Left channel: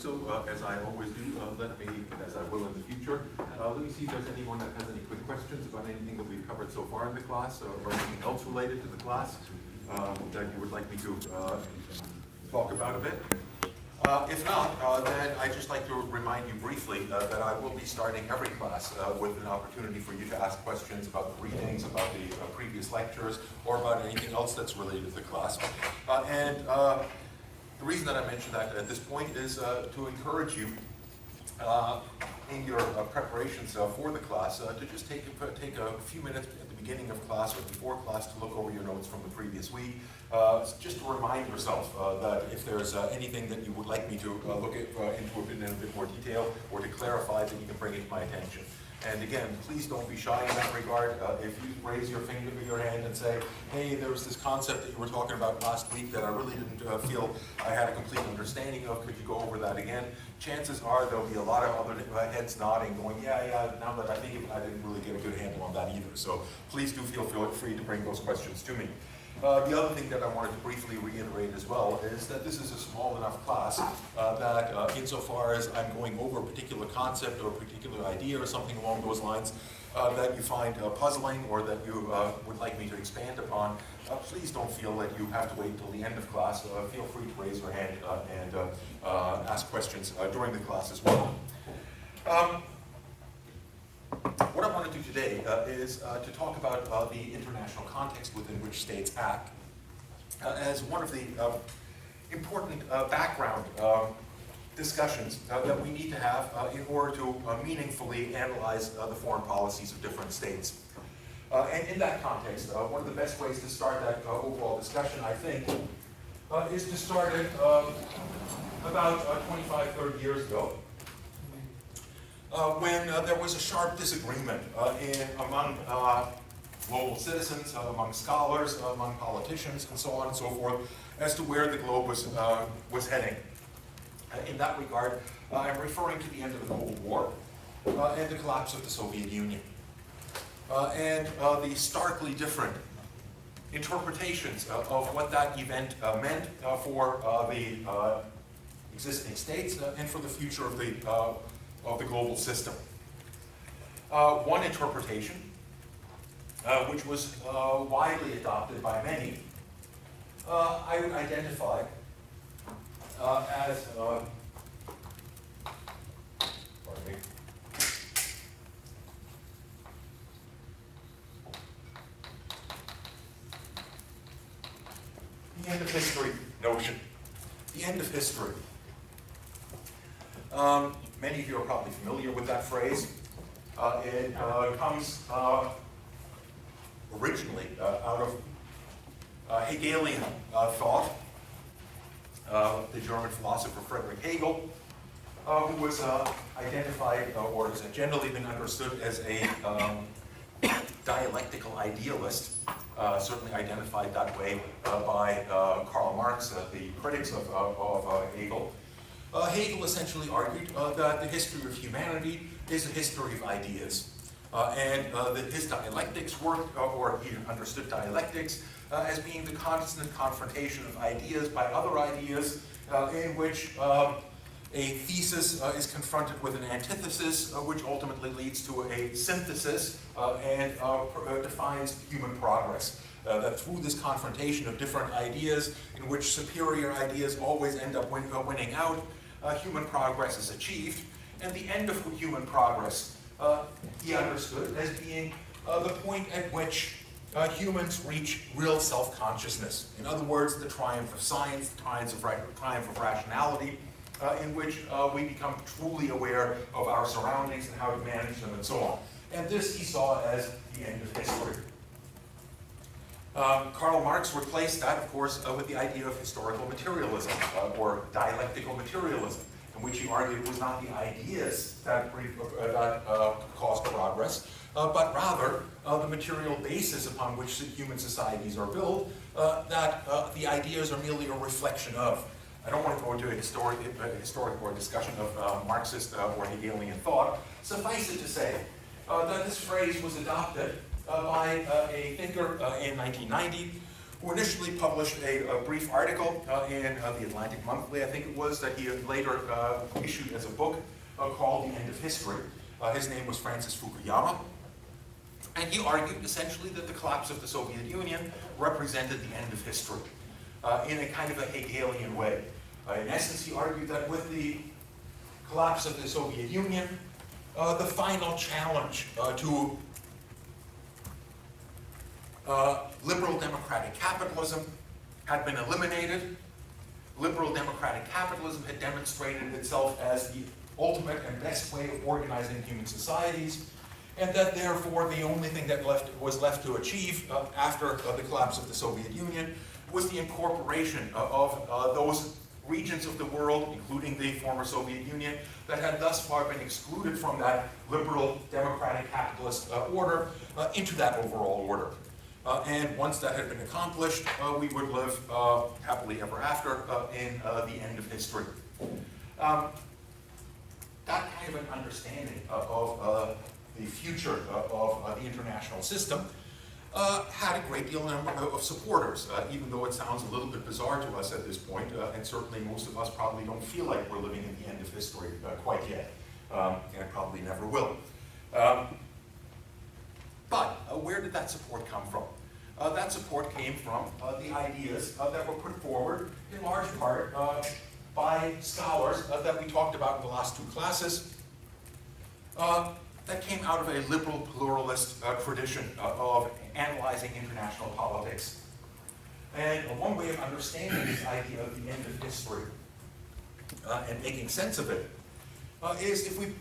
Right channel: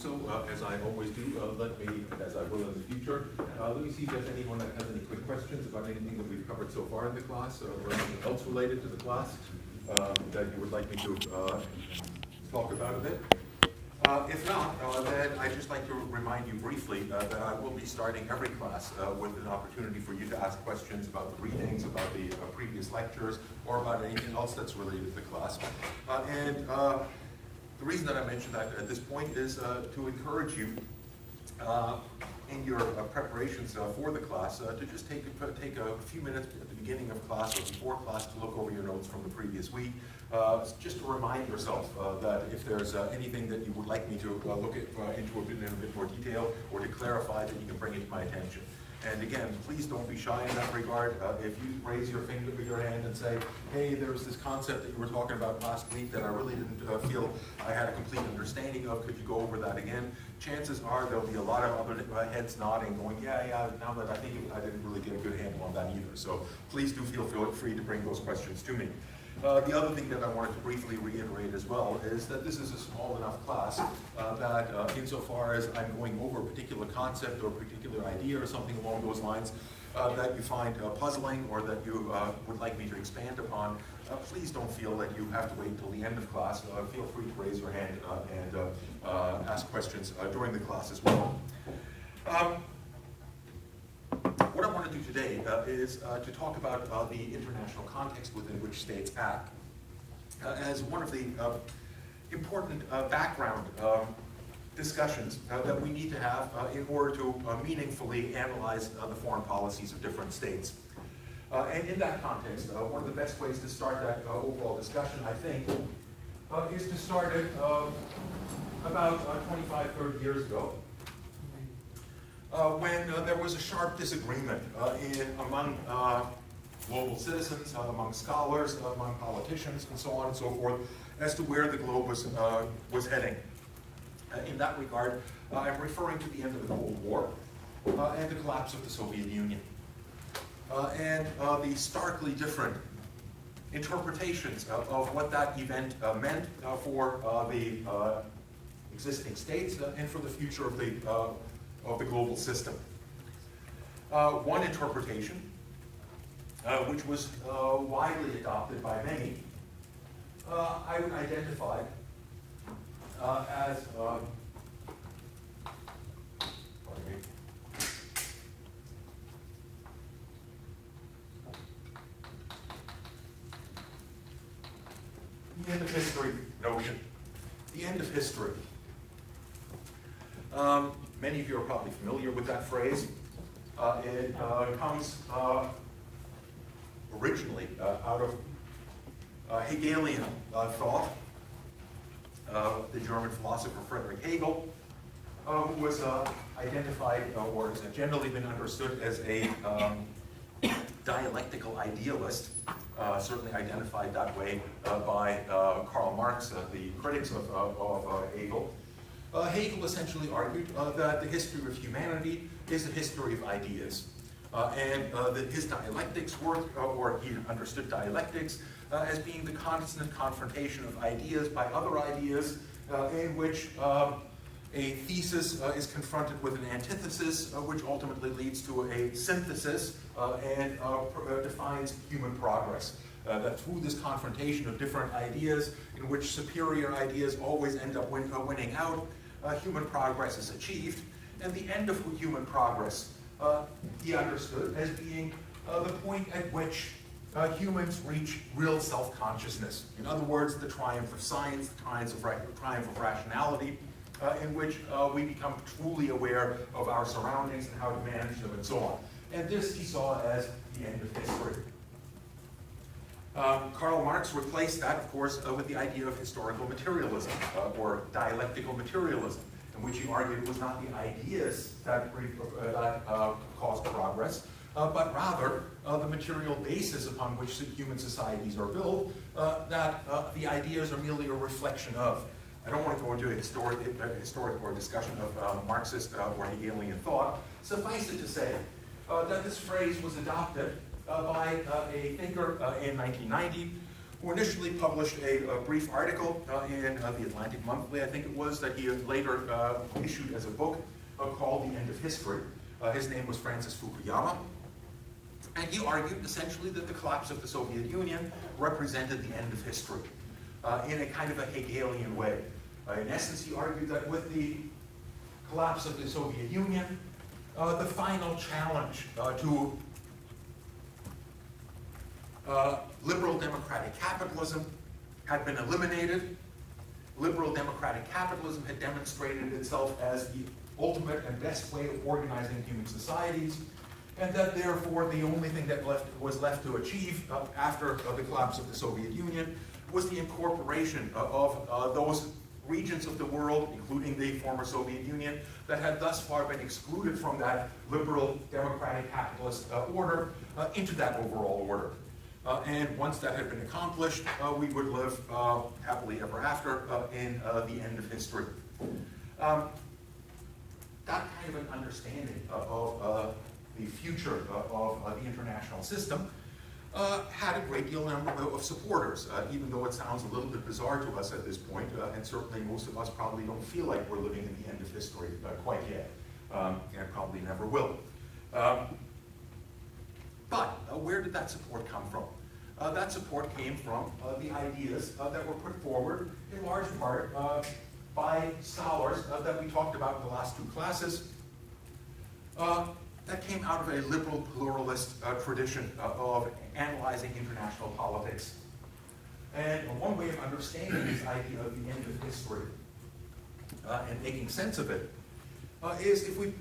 so, as I always do, as I will in the future, let me see if there's anyone that has any quick questions about anything that we've covered so far in the class, or anything else related to the class that you would like me to talk about a bit. If not, then I'd just like to remind you briefly that I will be starting every class with an opportunity for you to ask questions about the readings, about the previous lectures, or about anything else that's related to the class. The reason that I mention that at this point is to encourage you in your preparations for the class to just take a few minutes at the beginning of class or before class to look over your notes from the previous week, just to remind yourself that if there's anything that you would like me to look at into in a bit more detail or to clarify, that you can bring it to my attention. And again, please don't be shy in that regard. If you raise your finger to your hand and say, hey, there was this concept that you were talking about last week that I really didn't feel I had a complete understanding of, could you go over that again? Chances are there'll be a lot of other heads nodding, going, yeah, now that I think of it, I didn't really get a good handle on that either. So please do feel free to bring those questions to me. The other thing that I wanted to briefly reiterate as well is that this is a small enough class that insofar as I'm going over a particular concept or a particular idea or something along those lines that you find puzzling or that you would like me to expand upon, please don't feel that you have to wait until the end of class. Feel free to raise your hand and ask questions during the class as well. What I want to do today is to talk about the international context within which states act as one of the important background discussions that we need to have in order to meaningfully analyze the foreign policies of different states. And in that context, one of the best ways to start that overall discussion, I think, is to start it about 25, 30 years ago. When there was a sharp disagreement among global citizens, among scholars, among politicians, and so on and so forth, as to where the globe was heading. In that regard, I'm referring to the end of the Cold War and the collapse of the Soviet Union. And the starkly different interpretations of what that event meant for the existing states and for the future of the global system. One interpretation, which was widely adopted by many, I would identify as, pardon me, the end of history notion. The end of history. Many of you are probably familiar with that phrase. It comes originally out of Hegelian thought. The German philosopher Friedrich Hegel, who was identified or has generally been understood as a dialectical idealist, certainly identified that way by Karl Marx, the critics of Hegel. Hegel essentially argued that the history of humanity is a history of ideas, and that his dialectics worked, or he understood dialectics as being the constant confrontation of ideas by other ideas, in which a thesis is confronted with an antithesis, which ultimately leads to a synthesis and defines human progress. That through this confrontation of different ideas, in which superior ideas always end up winning out, human progress is achieved, and the end of human progress he understood as being the point at which humans reach real self-consciousness. In other words, the triumph of science, the triumph of rationality, in which we become truly aware of our surroundings and how to manage them and so on. And this he saw as the end of history. Karl Marx replaced that, of course, with the idea of historical materialism, or dialectical materialism, in which he argued it was not the ideas that caused progress, but rather the material basis upon which human societies are built, that the ideas are merely a reflection of. I don't want to go into a historic or discussion of Marxist or Hegelian thought. Suffice it to say that this phrase was adopted by a thinker in 1990 who initially published a brief article in the Atlantic Monthly, I think it was, that he later issued as a book called The End of History. His name was Francis Fukuyama. And he argued essentially that the collapse of the Soviet Union represented the end of history in a kind of a Hegelian way. In essence, he argued that with the collapse of the Soviet Union, the final challenge to liberal democratic capitalism had been eliminated. Liberal democratic capitalism had demonstrated itself as the ultimate and best way of organizing human societies, and that therefore the only thing that was left to achieve after the collapse of the Soviet Union was the incorporation of those regions of the world, including the former Soviet Union, that had thus far been excluded from that liberal democratic capitalist order into that overall order. And once that had been accomplished, we would live happily ever after in the end of history. That kind of an understanding of the future of the international system had a great deal of supporters, even though it sounds a little bit bizarre to us at this point, and certainly most of us probably don't feel like we're living in the end of history quite yet, and probably never will. But where did that support come from? That support came from the ideas that were put forward in large part by scholars that we talked about in the last two classes, that came out of a liberal pluralist tradition of analyzing international politics. And one way of understanding this idea of the end of history and making sense of it is if we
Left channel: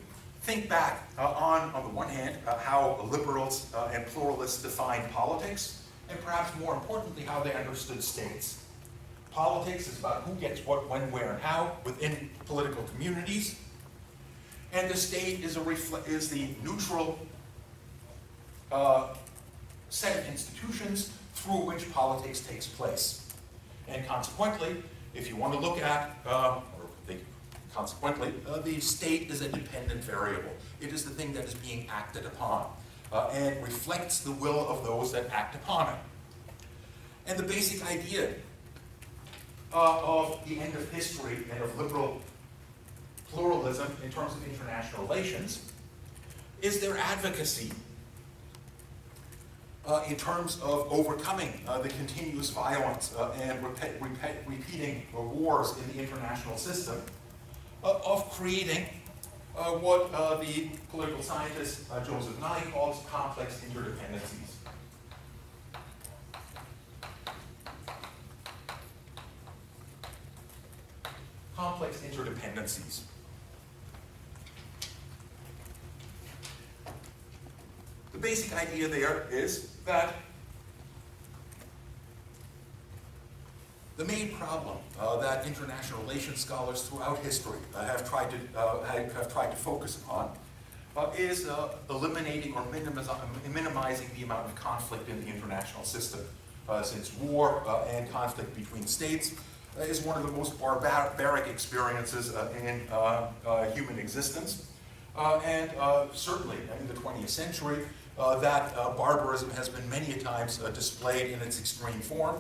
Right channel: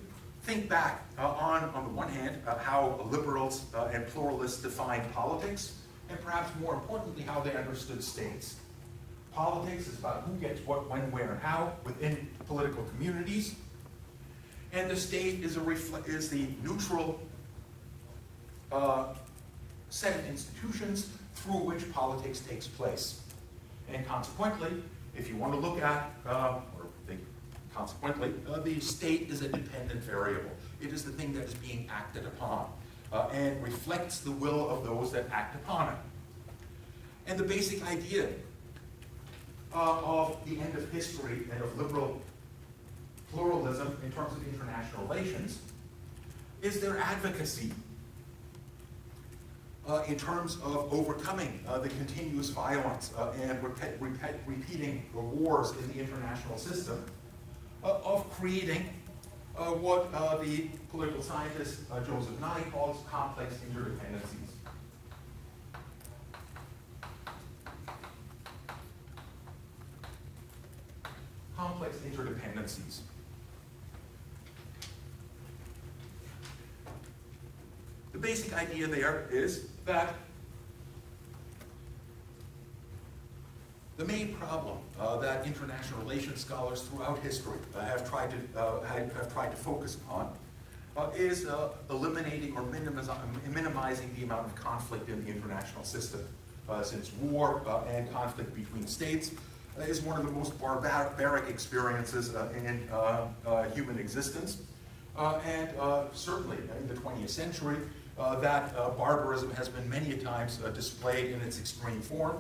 think back on the one hand, how liberals and pluralists defined politics, and perhaps more importantly, how they understood states. Politics is about who gets what, when, where, and how within political communities. And the state is the neutral set of institutions through which politics takes place. And consequently, if you want to look at, the state is a dependent variable. It is the thing that is being acted upon and reflects the will of those that act upon it. And the basic idea of the end of history and of liberal pluralism in terms of international relations is their advocacy in terms of overcoming the continuous violence and repeating wars in the international system, of creating what the political scientist Joseph Nye calls complex interdependencies. Complex interdependencies. The basic idea there is that the main problem that international relations scholars throughout history have tried to focus upon is eliminating or minimizing the amount of conflict in the international system. Since war and conflict between states is one of the most barbaric experiences in human existence. And certainly in the 20th century, that barbarism has been many times displayed in its extreme form,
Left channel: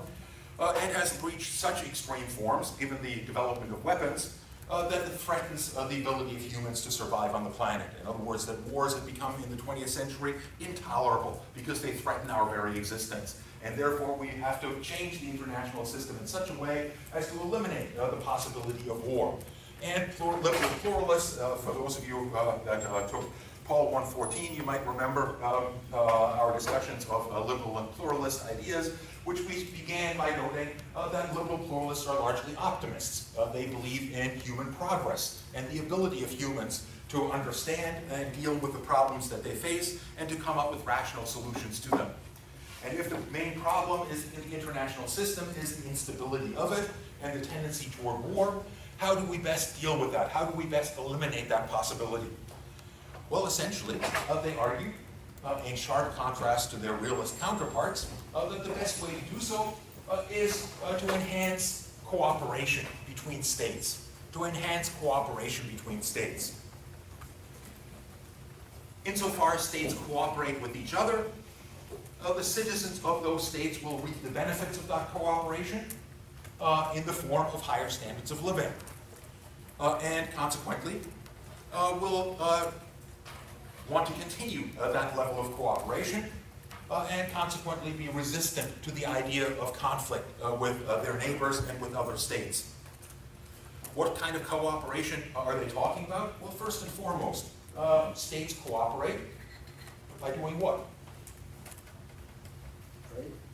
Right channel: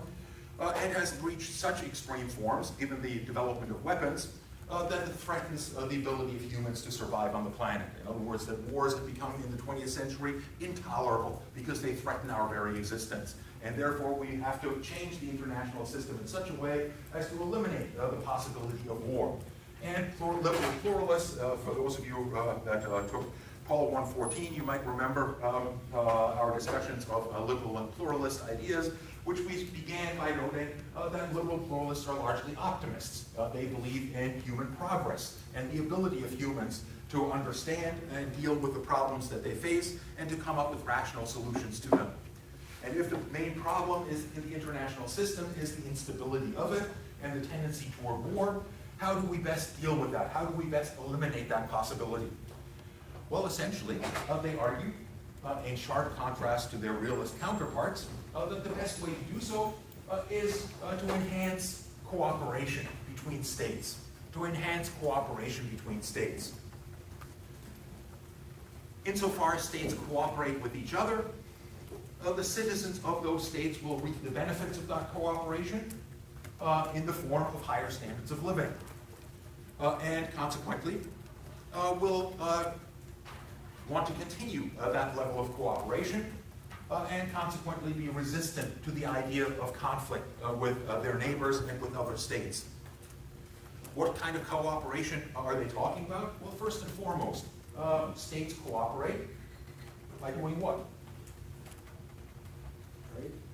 and has reached such extreme forms, given the development of weapons, that it threatens the ability of humans to survive on the planet. In other words, that wars have become, in the 20th century, intolerable because they threaten our very existence. And therefore, we have to change the international system in such a way as to eliminate the possibility of war. And liberal pluralists, for those of you that took Paul 114, you might remember our discussions of liberal and pluralist ideas, which we began by noting that liberal pluralists are largely optimists. They believe in human progress and the ability of humans to understand and deal with the problems that they face and to come up with rational solutions to them. And if the main problem is in the international system is the instability of it and the tendency toward war, how do we best deal with that? How do we best eliminate that possibility? Well, essentially, they argue, in sharp contrast to their realist counterparts, that the best way to do so is to enhance cooperation between states. To enhance cooperation between states. Insofar as states cooperate with each other, the citizens of those states will reap the benefits of that cooperation in the form of higher standards of living. And consequently, will want to continue that level of cooperation and consequently be resistant to the idea of conflict with their neighbors and with other states. What kind of cooperation are they talking about? Well, first and foremost, states cooperate by doing what?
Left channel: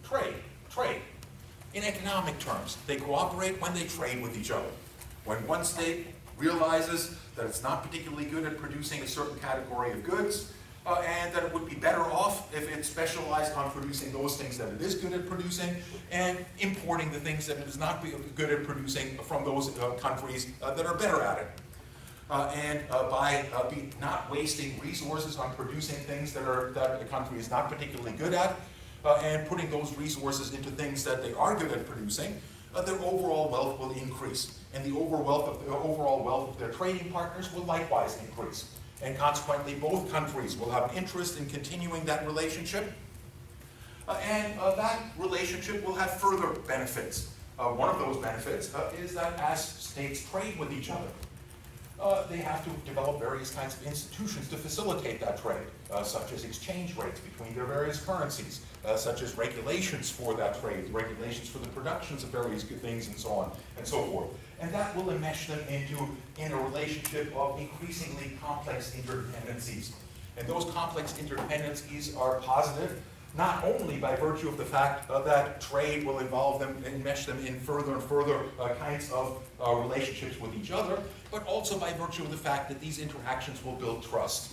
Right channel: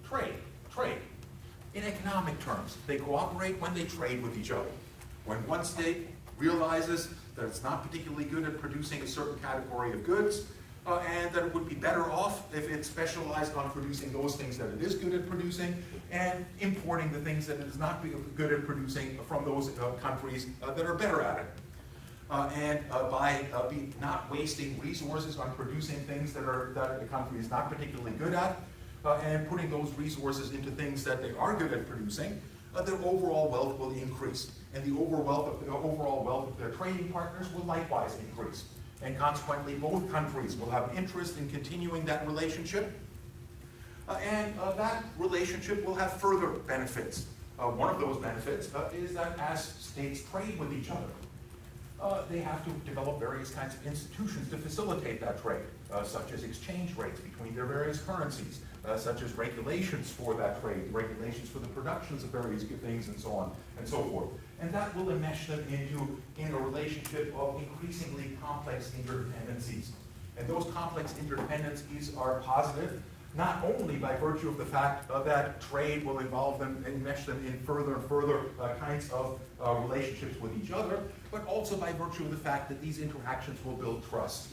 Trade. In economic terms, they cooperate when they trade with each other. When one state realizes that it's not particularly good at producing a certain category of goods, and that it would be better off if it specialized on producing those things that it is good at producing, and importing the things that it is not good at producing from those countries that are better at it. By not wasting resources on producing things that the country is not particularly good at, and putting those resources into things that they are good at producing, their overall wealth will increase. And the overall wealth of their trading partners will likewise increase. And consequently, both countries will have interest in continuing that relationship. And that relationship will have further benefits. One of those benefits is that as states trade with each other, they have to develop various kinds of institutions to facilitate that trade, such as exchange rates between their various currencies, such as regulations for that trade, regulations for the productions of various things, and so on and so forth. And that will enmesh them in a relationship of increasingly complex interdependencies. And those complex interdependencies are positive, not only by virtue of the fact that trade will involve them and enmesh them in further and further kinds of relationships with each other, but also by virtue of the fact that these interactions will build trust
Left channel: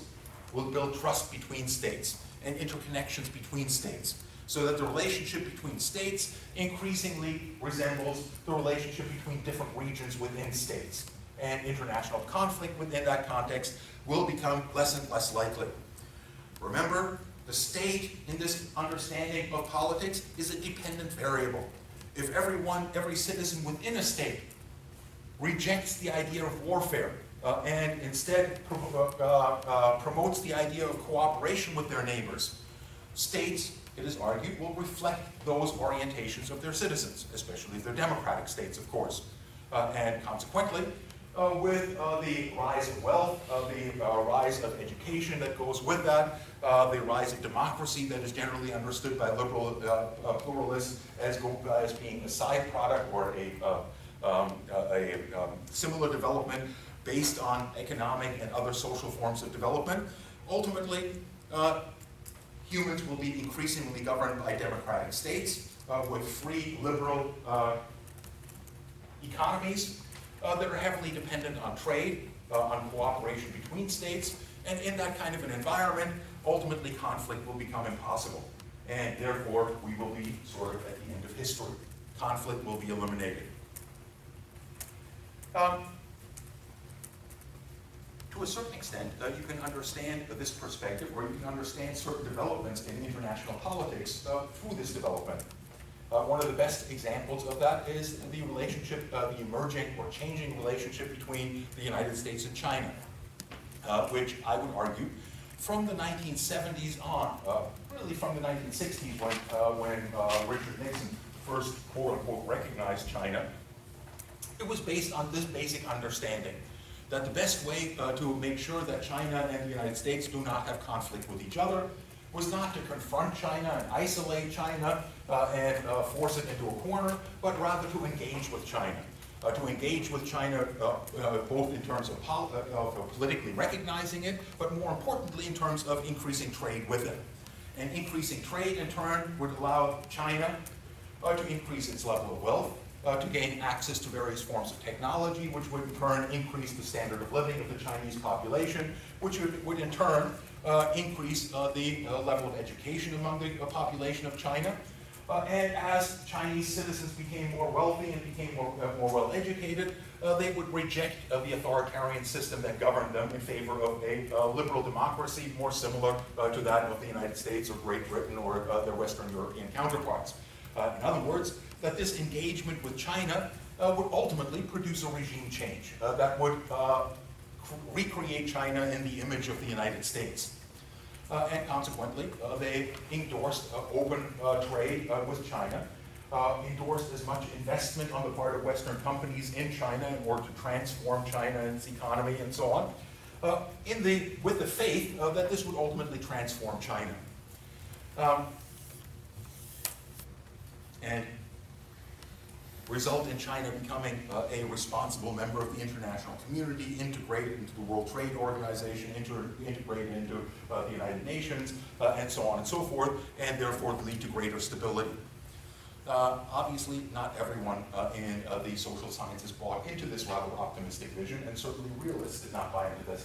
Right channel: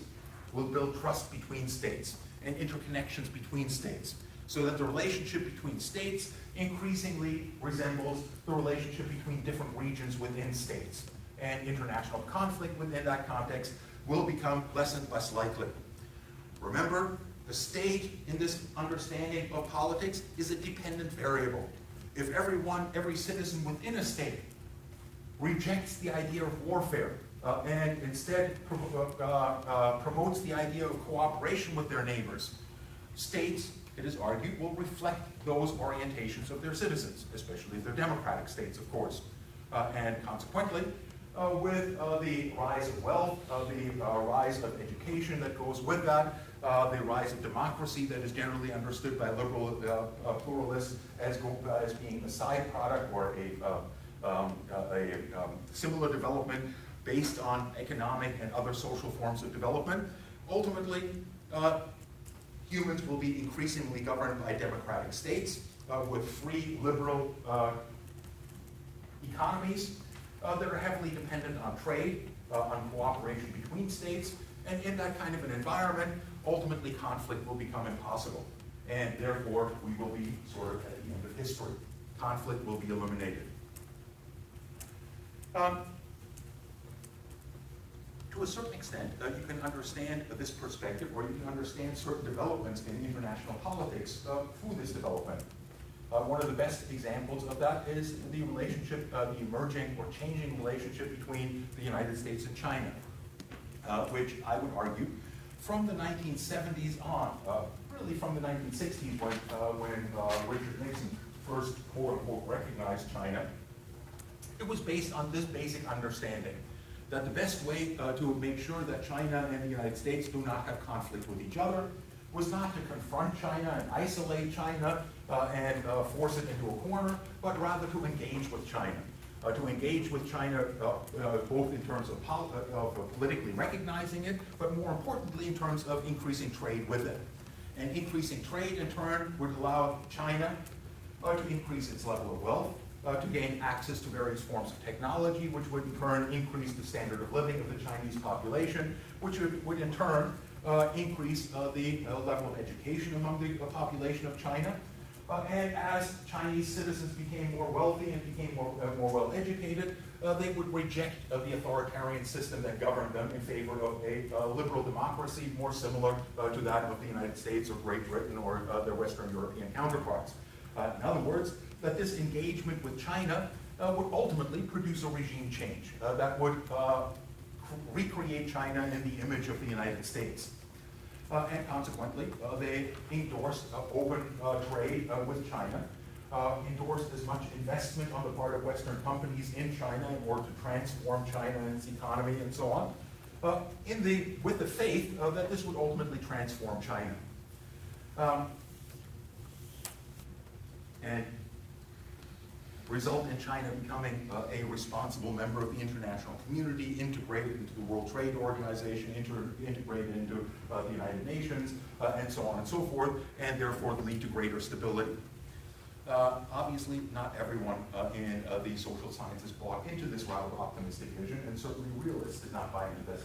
between states and interconnections between states, so that the relationship between states increasingly resembles the relationship between different regions within states. And international conflict within that context will become less and less likely. Remember, the state in this understanding of politics is a dependent variable. If every citizen within a state rejects the idea of warfare and instead promotes the idea of cooperation with their neighbors, states, it is argued, will reflect those orientations of their citizens, especially if they're democratic states, of course. And consequently, with the rise of wealth, the rise of education that goes with that, the rise of democracy that is generally understood by liberal pluralists as being a side product or a similar development based on economic and other social forms of development. Ultimately, humans will be increasingly governed by democratic states with free, liberal economies that are heavily dependent on trade, on cooperation between states, and in that kind of an environment, ultimately conflict will become impossible. And therefore, we will be sort of at the end of history. Conflict will be eliminated. To a certain extent, you can understand this perspective, or you can understand certain developments in international politics through this development. One of the best examples of that is the relationship, the emerging or changing relationship between the United States and China, which I would argue from the 1970s on, really from the 1960s when Richard Nixon first, quote unquote, recognized China, it was based on this basic understanding that the best way to make sure that China and the United States do not have conflict with each other was not to confront China and isolate China and force it into a corner, but rather to engage with China. To engage with China both in terms of politically recognizing it, but more importantly in terms of increasing trade with it. And increasing trade in turn would allow China to increase its level of wealth, to gain access to various forms of technology, which would in turn increase the standard of living of the Chinese population, which would in turn increase the level of education among the population of China. And as Chinese citizens became more wealthy and became more well educated, they would reject the authoritarian system that governed them in favor of a liberal democracy more similar to that of the United States or Great Britain or their Western European counterparts. In other words, that this engagement with China would ultimately produce a regime change that would recreate China in the image of the United States. and consequently, they endorsed open trade with China, endorsed as much investment on the part of Western companies in China in order to transform China and its economy and so on, with the faith that this would ultimately transform China. And result in China becoming a responsible member of the international community, integrated into the World Trade Organization, integrated into the United Nations, and so on and so forth, and therefore lead to greater stability. Obviously, not everyone in the social sciences bought into this rather optimistic vision, and certainly realists did not buy into this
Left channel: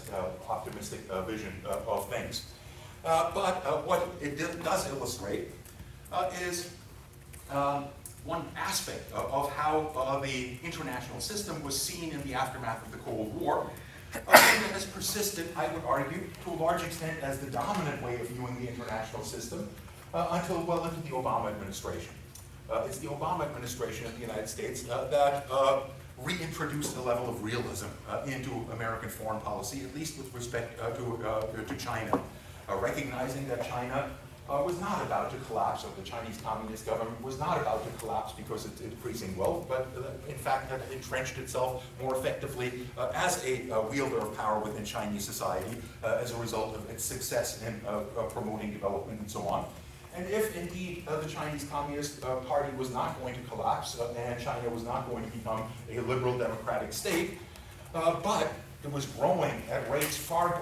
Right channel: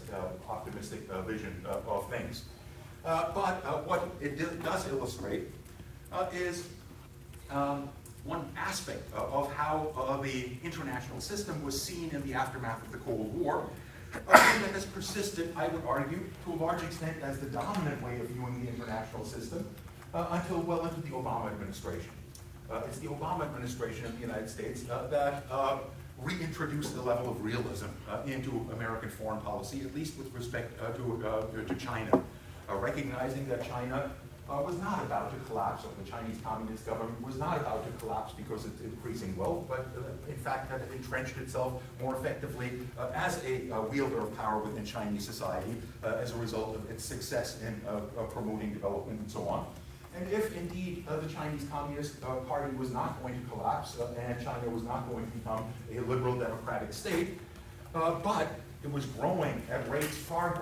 optimistic vision of things. But what it does illustrate is one aspect of how the international system was seen in the aftermath of the Cold War, and that has persisted, I would argue, to a large extent as the dominant way of viewing the international system until well into the Obama administration. It's the Obama administration in the United States that reintroduced the level of realism into American foreign policy, at least with respect to China, recognizing that China was not about to collapse, or the Chinese Communist government was not about to collapse because it's increasing wealth, but in fact had entrenched itself more effectively as a wielder of power within Chinese society as a result of its success in promoting development and so on. And if indeed the Chinese Communist Party was not going to collapse and China was not going to become a liberal democratic state, but it was growing at rates far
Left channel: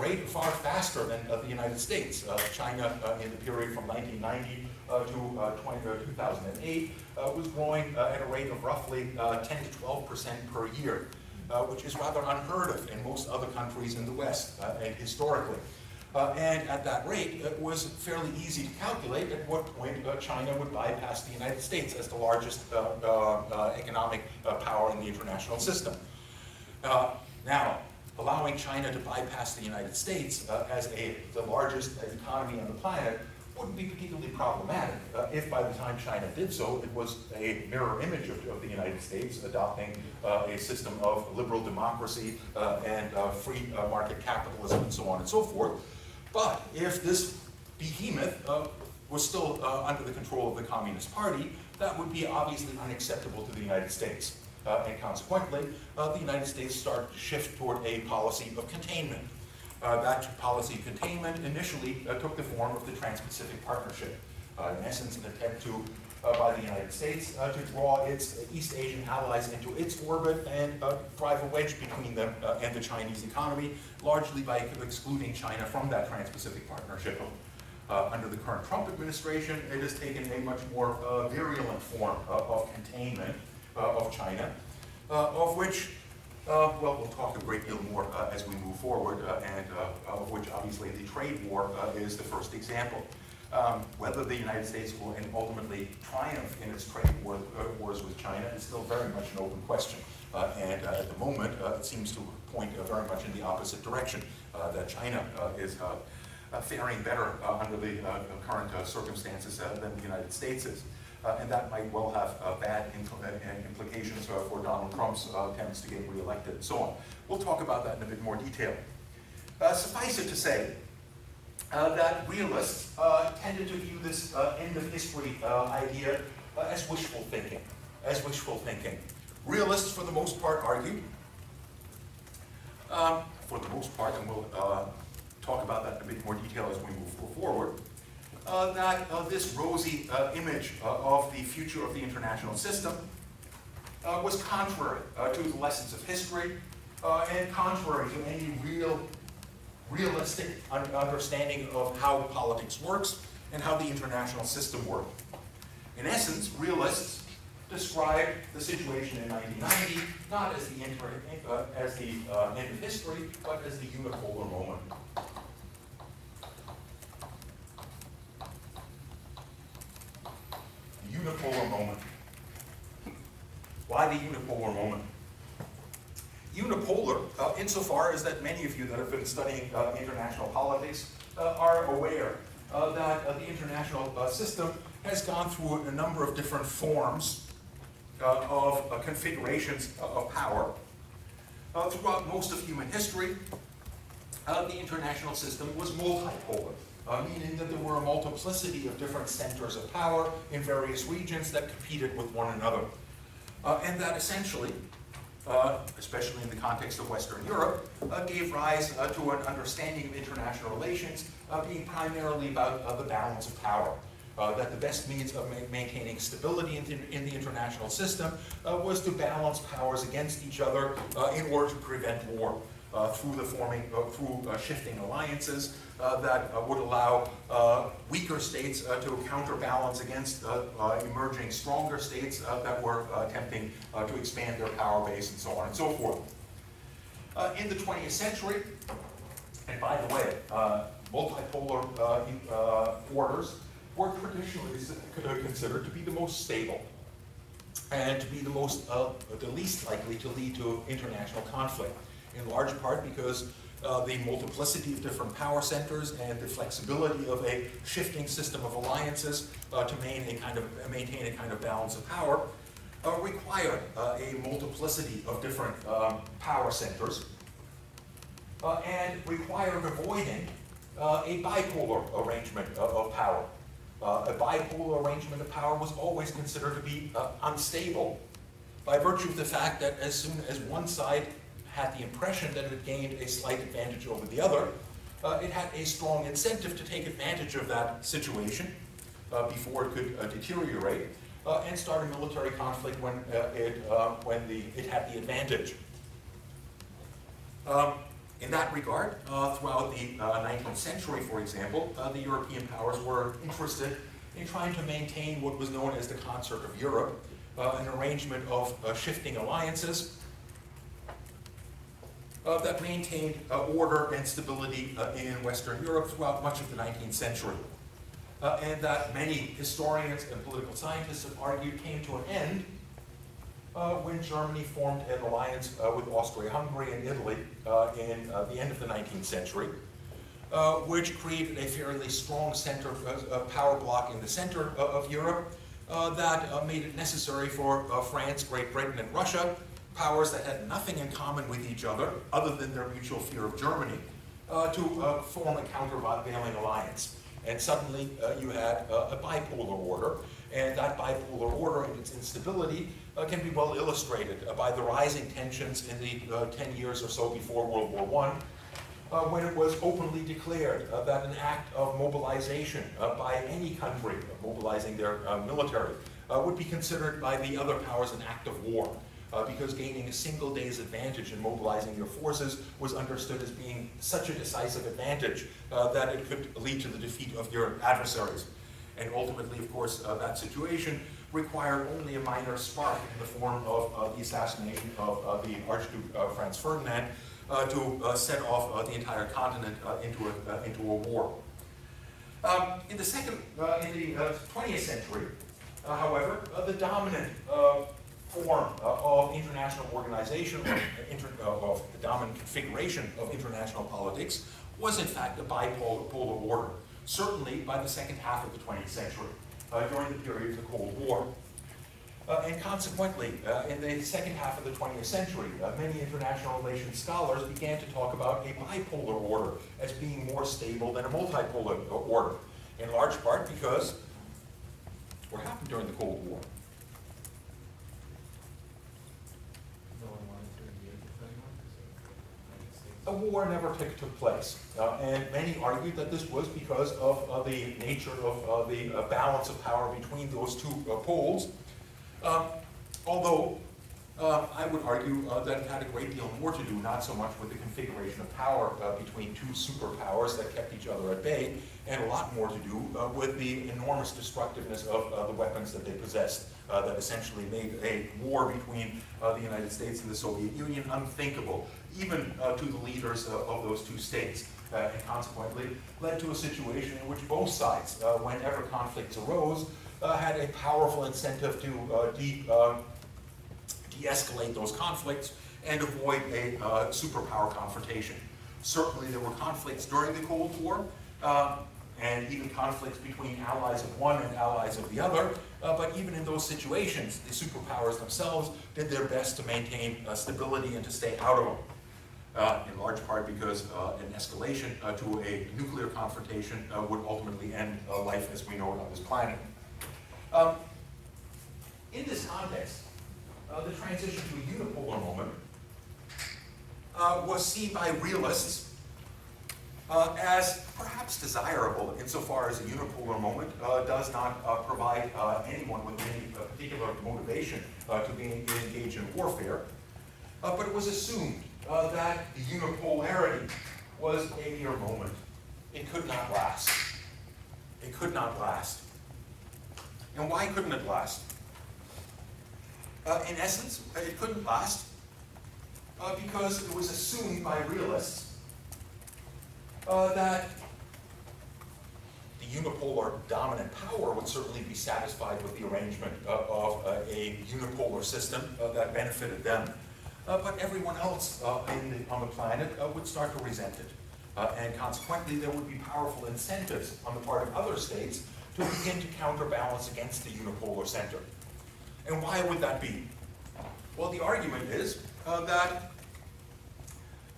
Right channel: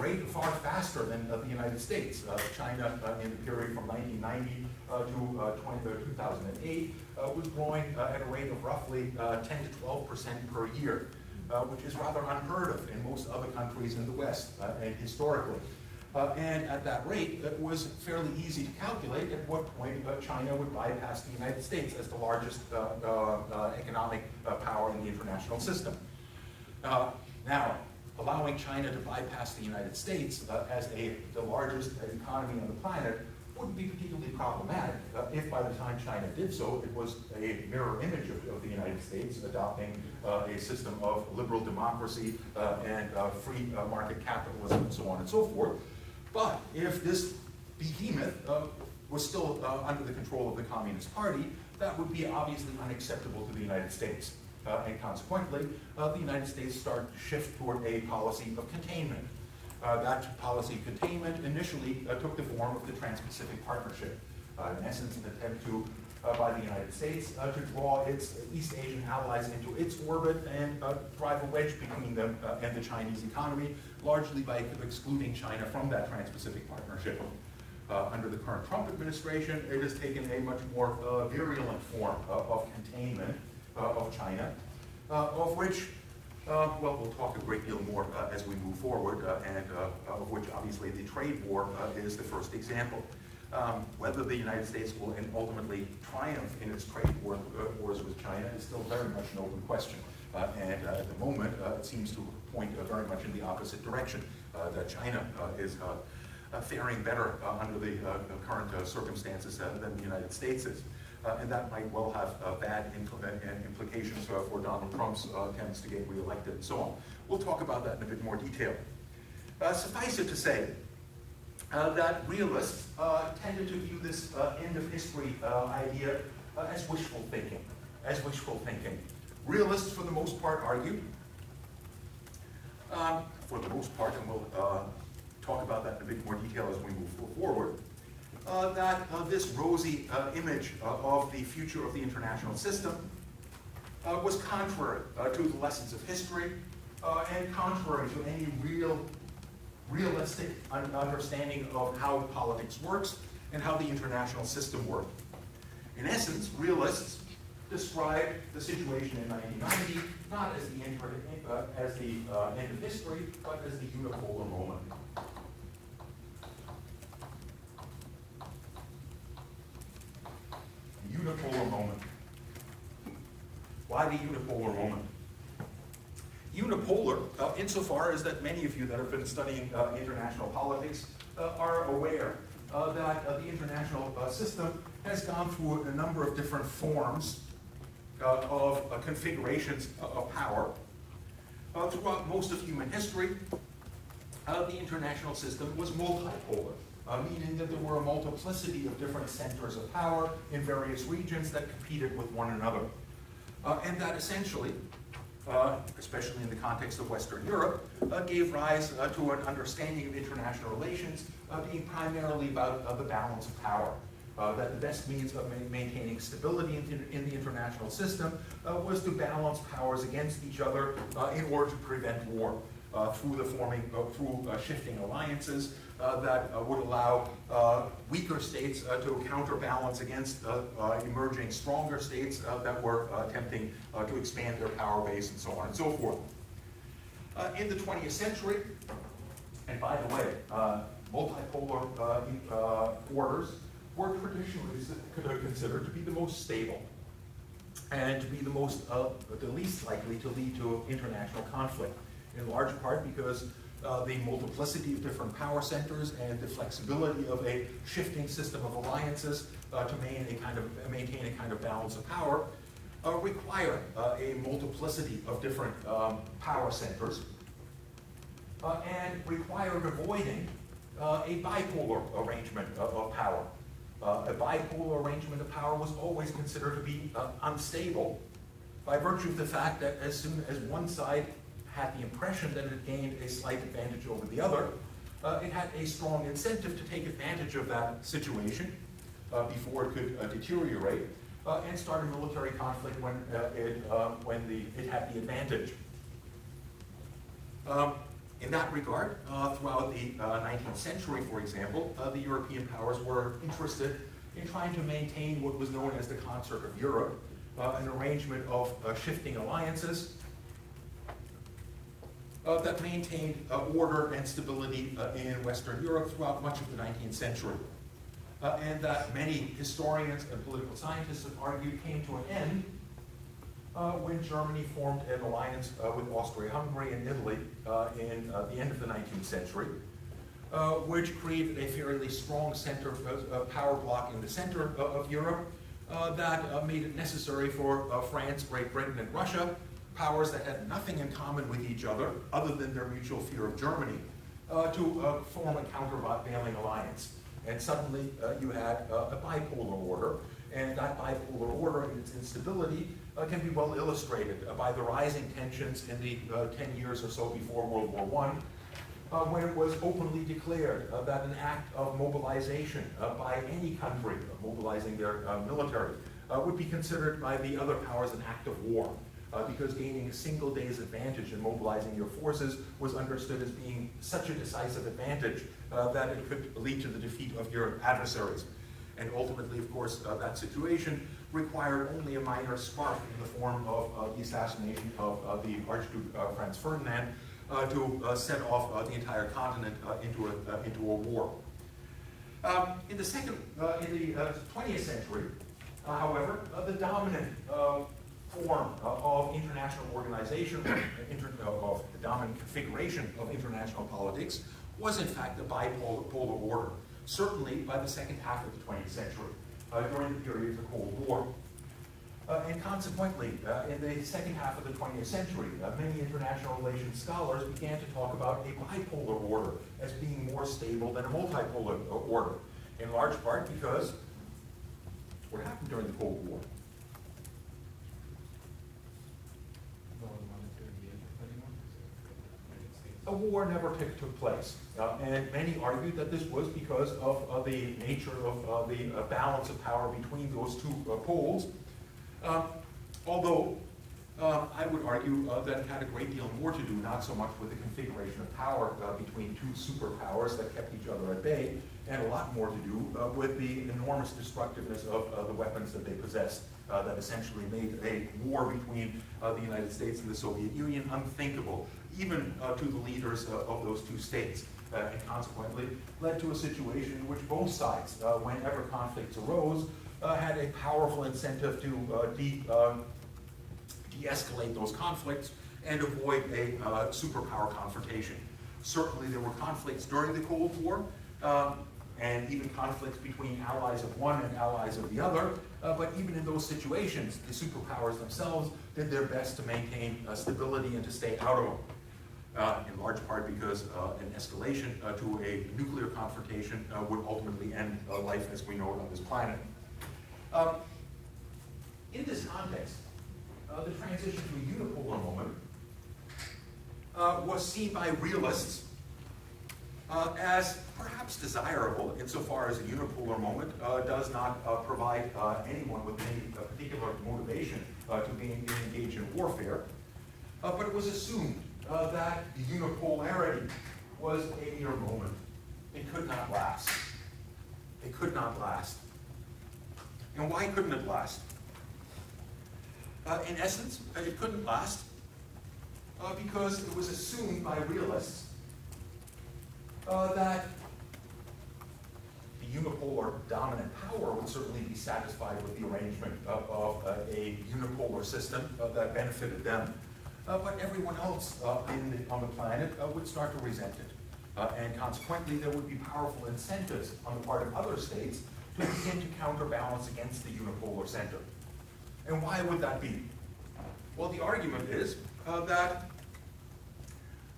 faster than the United States. China, in the period from 1990 to 2008, was growing at a rate of roughly 10 to 12% per year, which is rather unheard of in most other countries in the West, and historically. And at that rate, it was fairly easy to calculate at what point China would bypass the United States as the largest economic power in the international system. Now, allowing China to bypass the United States as the largest economy on the planet wouldn't be particularly problematic if by the time China did so, it was a mirror image of the United States, adopting a system of liberal democracy and free market capitalism and so on and so forth. But if this behemoth was still under the control of the Communist Party, that would be obviously unacceptable to the United States. And consequently, the United States started to shift toward a policy of containment. That policy of containment initially took the form of the Trans-Pacific Partnership, in essence an attempt by the United States to draw its East Asian allies into its orbit and drive a wedge between them and the Chinese economy, largely by excluding China from that Trans-Pacific Partnership. Under the current Trump administration, it has taken a much more virulent form of containment of China, of which, well, we'll talk a great deal more as we move forward, and of which obviously the trade war is the first example. Whether the United States will ultimately triumph in its trade wars with China is still very much an open question. And at the moment, it seems to point very much in the opposite direction, that China is faring better under the current circumstances than the United States is. And that might well have bad implications for Donald Trump's attempts to get reelected and so on. We'll talk about that in a bit more detail. Suffice it to say that realists tended to view this end of history idea as wishful thinking. Realists, for the most part, argue, and we'll talk about that in a bit more detail as we move forward, that this rosy image of the future of the international system was contrary to the lessons of history and contrary to any realistic understanding of how politics works and how the international system worked. In essence, realists described the situation in 1990 not as the end of history, but as the unipolar moment. Unipolar moment. Why the unipolar moment? Unipolar, insofar as that many of you that have been studying international politics are aware that the international system has gone through a number of different forms of configurations of power. Throughout most of human history, the international system was multipolar. meaning that there were a multiplicity of different centers of power in various regions that competed with one another. And that essentially, especially in the context of Western Europe, gave rise to an understanding of international relations being primarily about the balance of power. That the best means of maintaining stability in the international system was to balance powers against each other in order to prevent war through shifting alliances that would allow weaker states to counterbalance against emerging stronger states that were attempting to expand their power base and so on and so forth. In the 20th century, and by the way, multipolar orders were traditionally considered to be the most stable and to be the least likely to lead to international conflict, in large part because the multiplicity of different power centers and the flexibility of a shifting system of alliances to maintain a kind of balance of power required a multiplicity of different power centers and required avoiding a bipolar arrangement of power. A bipolar arrangement of power was always considered to be unstable by virtue of the fact that as soon as one side had the impression that it gained a slight advantage over the other, it had a strong incentive to take advantage of that situation before it could deteriorate and start a military conflict when it had the advantage. In that regard, throughout the 19th century, for example, the European powers were interested in trying to maintain what was known as the Concert of Europe, an arrangement of shifting alliances that maintained order and stability in Western Europe throughout much of the 19th century. And that many historians and political scientists have argued came to an end when Germany formed an alliance with Austria-Hungary and Italy in the end of the 19th century, which created a fairly strong center power bloc in the center of Europe that made it necessary for France, Great Britain, and Russia, powers that had nothing in common with each other than their mutual fear of Germany, to form a countervailing alliance. And suddenly you had a bipolar order, and that bipolar order and its instability can be well illustrated by the rising tensions in the 10 years or so before World War I, when it was openly declared that an act of mobilization by any country, mobilizing their military, would be considered by the other powers an act of war. Because gaining a single day's advantage in mobilizing your forces was understood as being such a decisive advantage that it could lead to the defeat of your adversaries. And ultimately, of course, that situation required only a minor spark in the form of the assassination of the Archduke Franz Ferdinand to set off the entire continent into a war. In the 20th century, however, the dominant form of international organization, of the dominant configuration of international politics, was in fact a bipolar order, certainly by the second half of the 20th century, during the period of the Cold War. And consequently, in the second half of the 20th century, many international relations scholars began to talk about a bipolar order as being more stable than a multipolar order, in large part because what happened during the Cold War? A war never took place, and many argued that this was because of the nature of the balance of power between those two poles, although I would argue that it had a great deal more to do, not so much with the configuration of power between two superpowers that kept each other at bay, and a lot more to do with the enormous destructiveness of the weapons that they possessed, that essentially made a war between the United States and the Soviet Union unthinkable, even to the leaders of those two states, and consequently led to a situation in which both sides, whenever conflicts arose, had a powerful incentive to de-escalate those conflicts and avoid a superpower confrontation. Certainly there were conflicts during the Cold War, and even conflicts between allies of one and allies of the other, but even in those situations, the superpowers themselves did their best to maintain stability and to stay out of them. in large part because an escalation to a nuclear confrontation would ultimately end life as we know it on this planet. In this context, the transition to a unipolar moment was seen by realists as perhaps desirable insofar as a unipolar moment does not provide anyone with any particular motivation to be engaged in warfare. But it was assumed that the unipolarity was a mere moment. It could not last. It could not last. And why couldn't it last? In essence, it couldn't last because it was assumed by realists that the unipolar dominant power would certainly be satisfied with the arrangement of a unipolar system that benefited them. But everyone else on the planet would start to resent it. And consequently, there would be powerful incentives on the part of other states to begin to counterbalance against the unipolar center. And why would that be? Well, the argument is that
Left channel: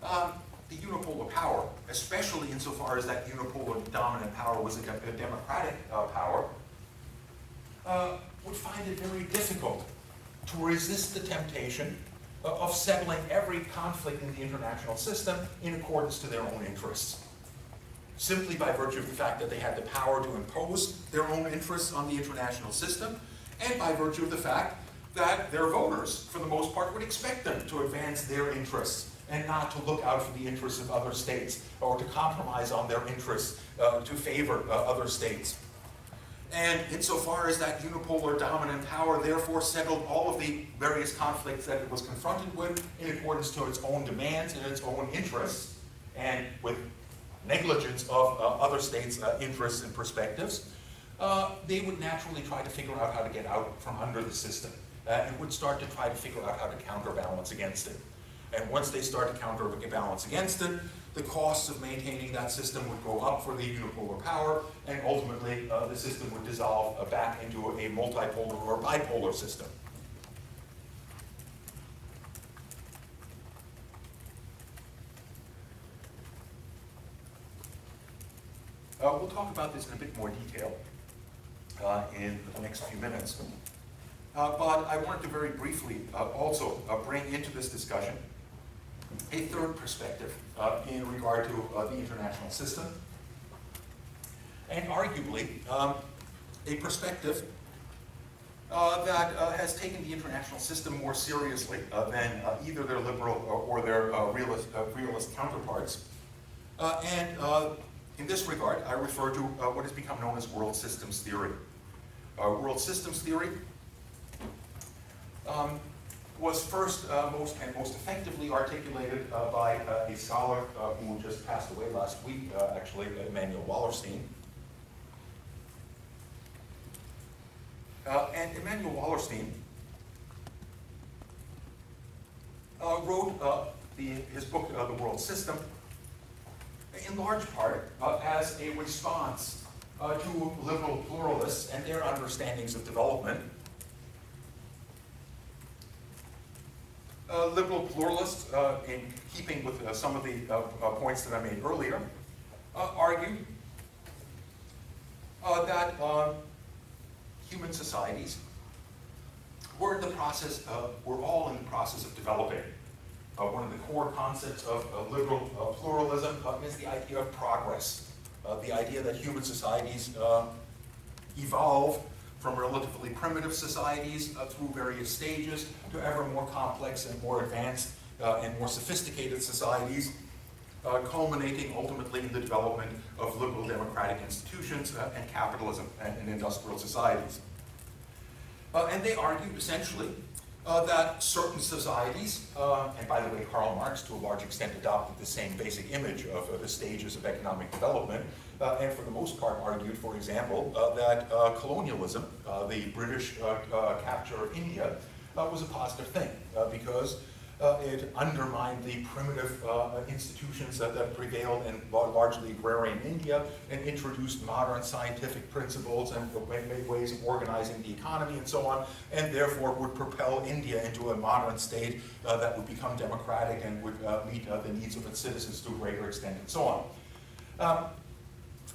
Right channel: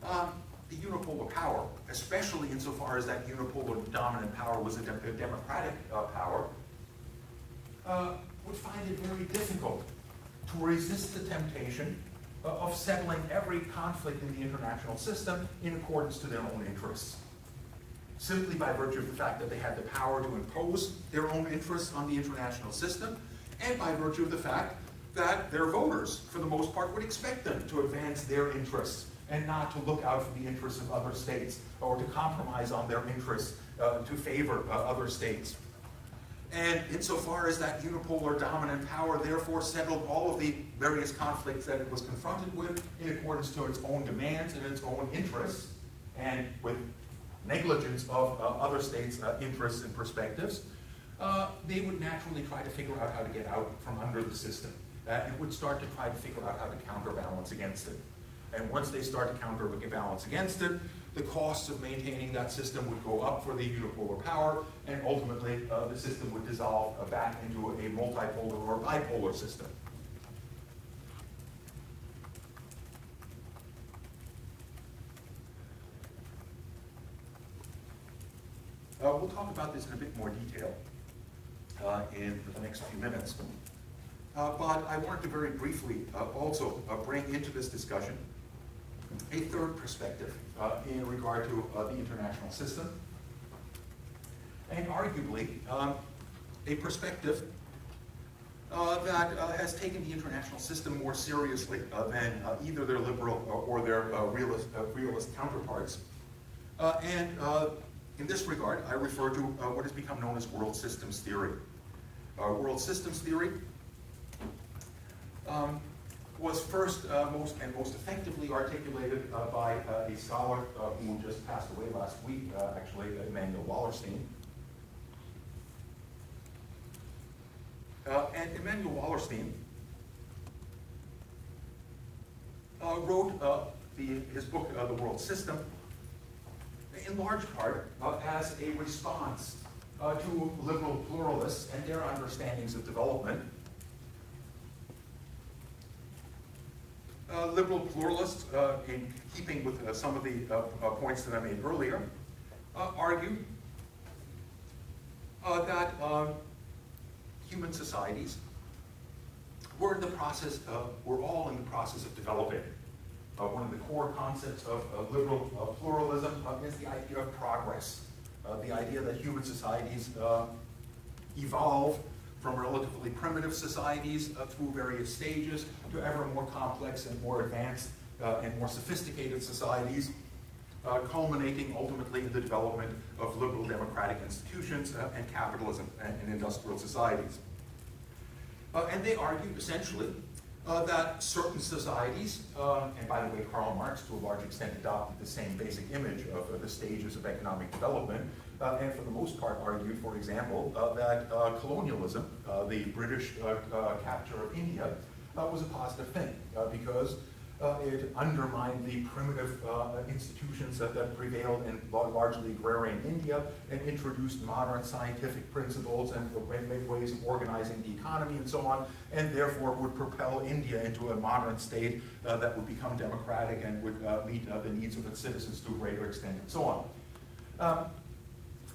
the unipolar power, especially insofar as that unipolar dominant power was a democratic power, would find it very difficult to resist the temptation of settling every conflict in the international system in accordance to their own interests. Simply by virtue of the fact that they had the power to impose their own interests on the international system, and by virtue of the fact that their voters, for the most part, would expect them to advance their interests and not to look out for the interests of other states or to compromise on their interests to favor other states. And insofar as that unipolar dominant power therefore settled all of the various conflicts that it was confronted with in accordance to its own demands and its own interests, and with negligence of other states' interests and perspectives, they would naturally try to figure out how to get out from under the system and would start to try to figure out how to counterbalance against it. And once they start to counterbalance against it, the costs of maintaining that system would go up for the unipolar power, and ultimately the system would dissolve back into a multipolar or bipolar system. We'll talk about this in a bit more detail in the next few minutes. But I wanted to very briefly also bring into this discussion a third perspective in regard to the international system, and arguably a perspective that has taken the international system more seriously than either their liberal or their realist counterparts. In this regard, I refer to what has become known as world systems theory. World systems theory was first most effectively articulated by a scholar who just passed away last week, actually, Emanuel Wallerstein. And Emanuel Wallerstein wrote his book, The World System, in large part as a response to liberal pluralists and their understandings of development. Liberal pluralists, in keeping with some of the points that I made earlier, argued that human societies were all in the process of developing. One of the core concepts of liberal pluralism is the idea of progress, the idea that human societies evolve from relatively primitive societies through various stages to ever more complex and more advanced and more sophisticated societies, culminating ultimately in the development of liberal democratic institutions and capitalism and industrial societies. And they argued essentially that certain societies, and by the way, Karl Marx to a large extent adopted the same basic image of the stages of economic development, and for the most part argued, for example, that colonialism, the British capture of India, was a positive thing, because It undermined the primitive institutions that prevailed in largely agrarian India and introduced modern scientific principles and ways of organizing the economy and so on, and therefore would propel India into a modern state that would become democratic and would meet the needs of its citizens to a greater extent and so on.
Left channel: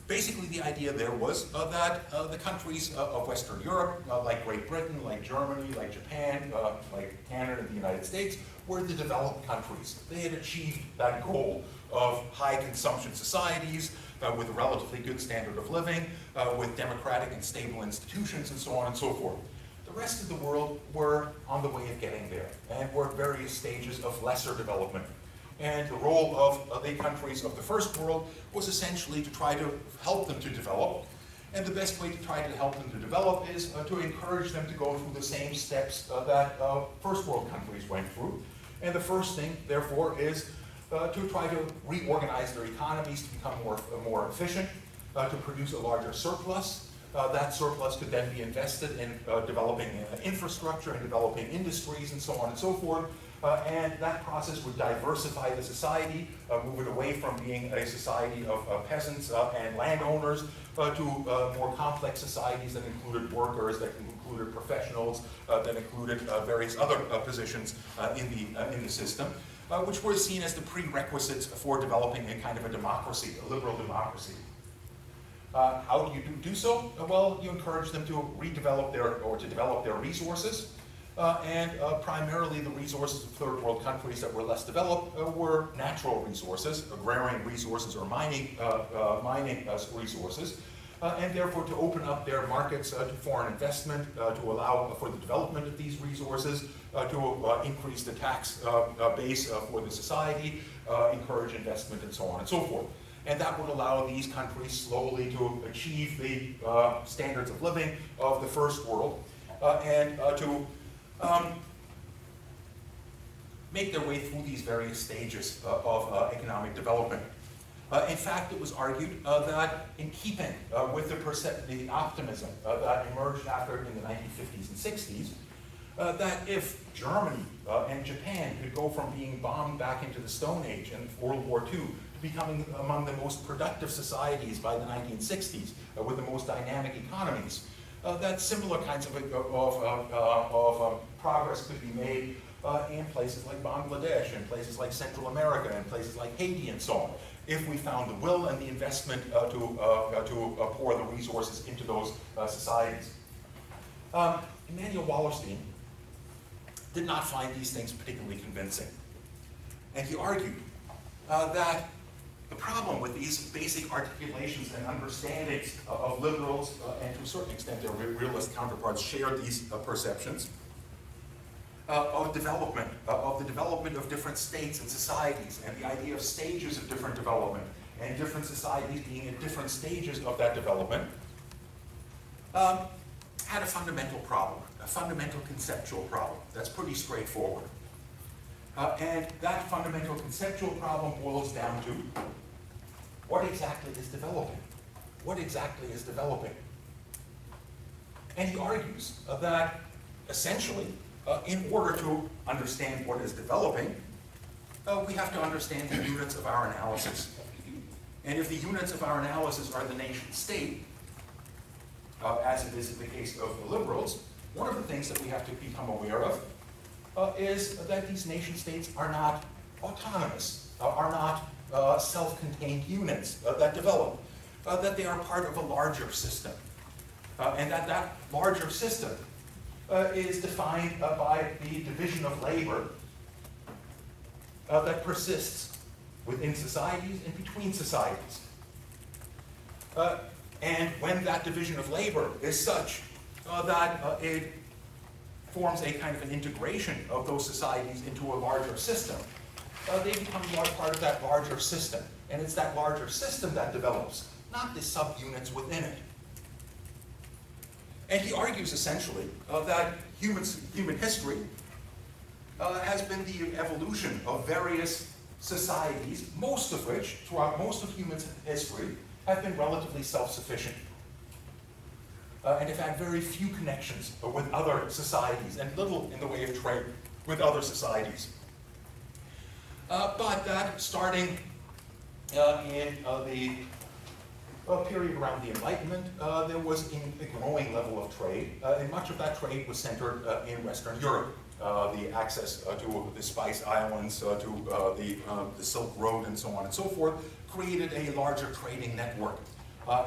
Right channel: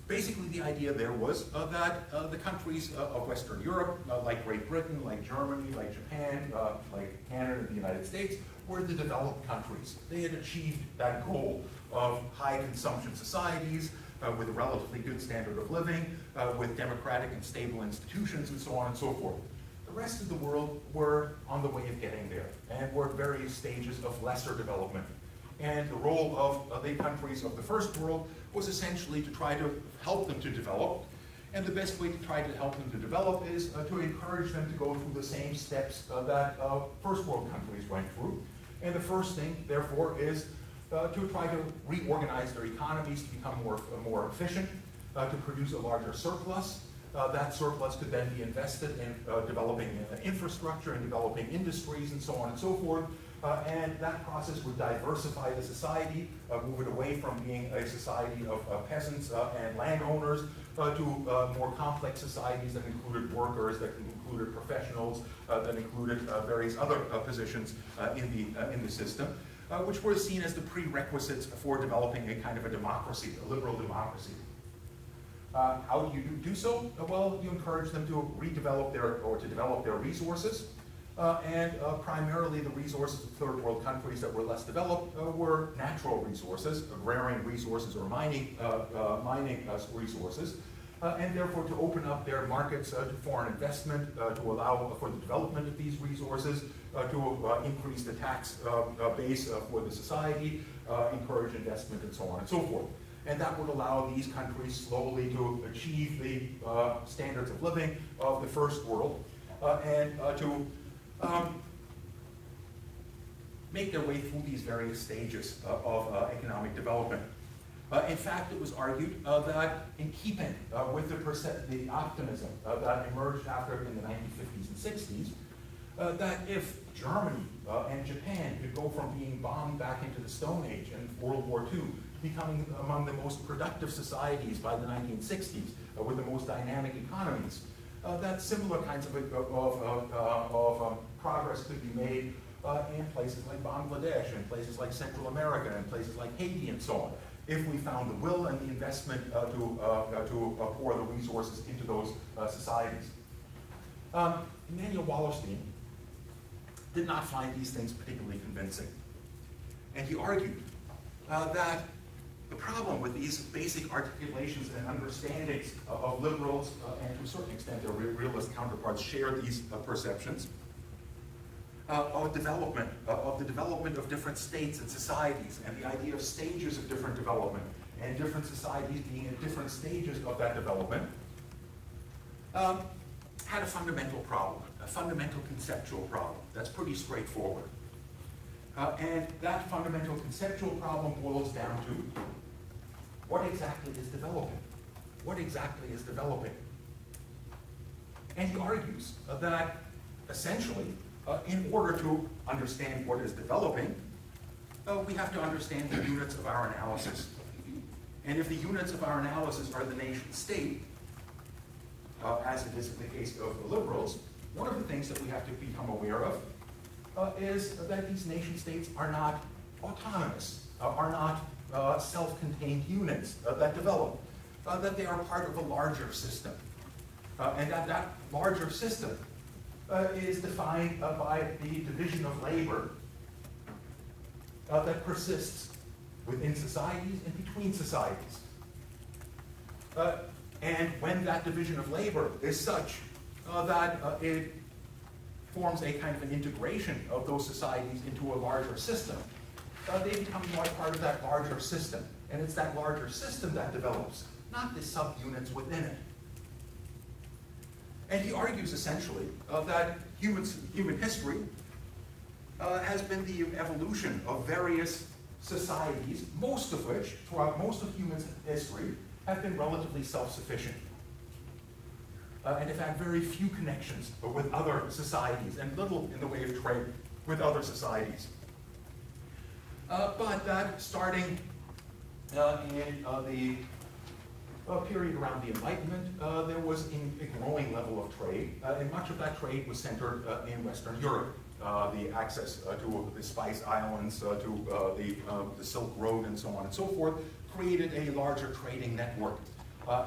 Basically, the idea there was that the countries of Western Europe, like Great Britain, like Germany, like Japan, like Canada and the United States, were the developed countries. They had achieved that goal of high consumption societies with a relatively good standard of living, with democratic and stable institutions, and so on and so forth. The rest of the world were on the way of getting there and were at various stages of lesser development. And the role of the countries of the first world was essentially to try to help them to develop. And the best way to try to help them to develop is to encourage them to go through the same steps that first world countries went through. And the first thing, therefore, is to try to reorganize their economies to become more efficient, to produce a larger surplus. That surplus could then be invested in developing infrastructure and developing industries and so on and so forth. And that process would diversify the society, move it away from being a society of peasants and landowners to more complex societies that included workers, that included professionals, that included various other positions in the system, which were seen as the prerequisites for developing a kind of a democracy, a liberal democracy. How do you do so? Well, you encourage them to redevelop to develop their resources. And primarily the resources of third world countries that were less developed were natural resources, agrarian resources or mining resources, and therefore to open up their markets to foreign investment, to allow for the development of these resources, to increase the tax base for the society, encourage investment and so on and so forth. And that would allow these countries slowly to achieve the standards of living of the first world and to make their way through these various stages of economic development. In fact, it was argued that in keeping with the optimism that emerged after in the 1950s and 60s, that if Germany and Japan could go from being bombed back into the Stone Age in World War II to becoming among the most productive societies by the 1960s with the most dynamic economies, that similar kinds of progress could be made in places like Bangladesh, in places like Central America, in places like Haiti, and so on, if we found the will and the investment to pour the resources into those societies. Emanuel Wallerstein did not find these things particularly convincing. And he argued that the problem with these basic articulations and understandings of liberals, and to a certain extent their realist counterparts shared these perceptions, of the development of different states and societies, and the idea of stages of different development, and different societies being at different stages of that development, had a fundamental problem, a fundamental conceptual problem that's pretty straightforward. And that fundamental conceptual problem boils down to what exactly is developing? What exactly is developing? And he argues that essentially, in order to understand what is developing, we have to understand the units of our analysis. And if the units of our analysis are the nation state, as it is in the case of the liberals, one of the things that we have to become aware of is that these nation states are not autonomous, are not self-contained units that develop, that they are part of a larger system, and that larger system is defined by the division of labor that persists within societies and between societies. And when that division of labor is such that it forms a kind of an integration of those societies into a larger system, they become part of that larger system. And it's that larger system that develops, not the subunits within it. And he argues essentially that human history has been the evolution of various societies, most of which, throughout most of human history, have been relatively self-sufficient. And have had very few connections with other societies, and little in the way of trade with other societies. but that starting in the period around the Enlightenment, there was a growing level of trade, and much of that trade was centered in Western Europe. The access to the Spice Islands, to the Silk Road, and so on and so forth, created a larger trading network.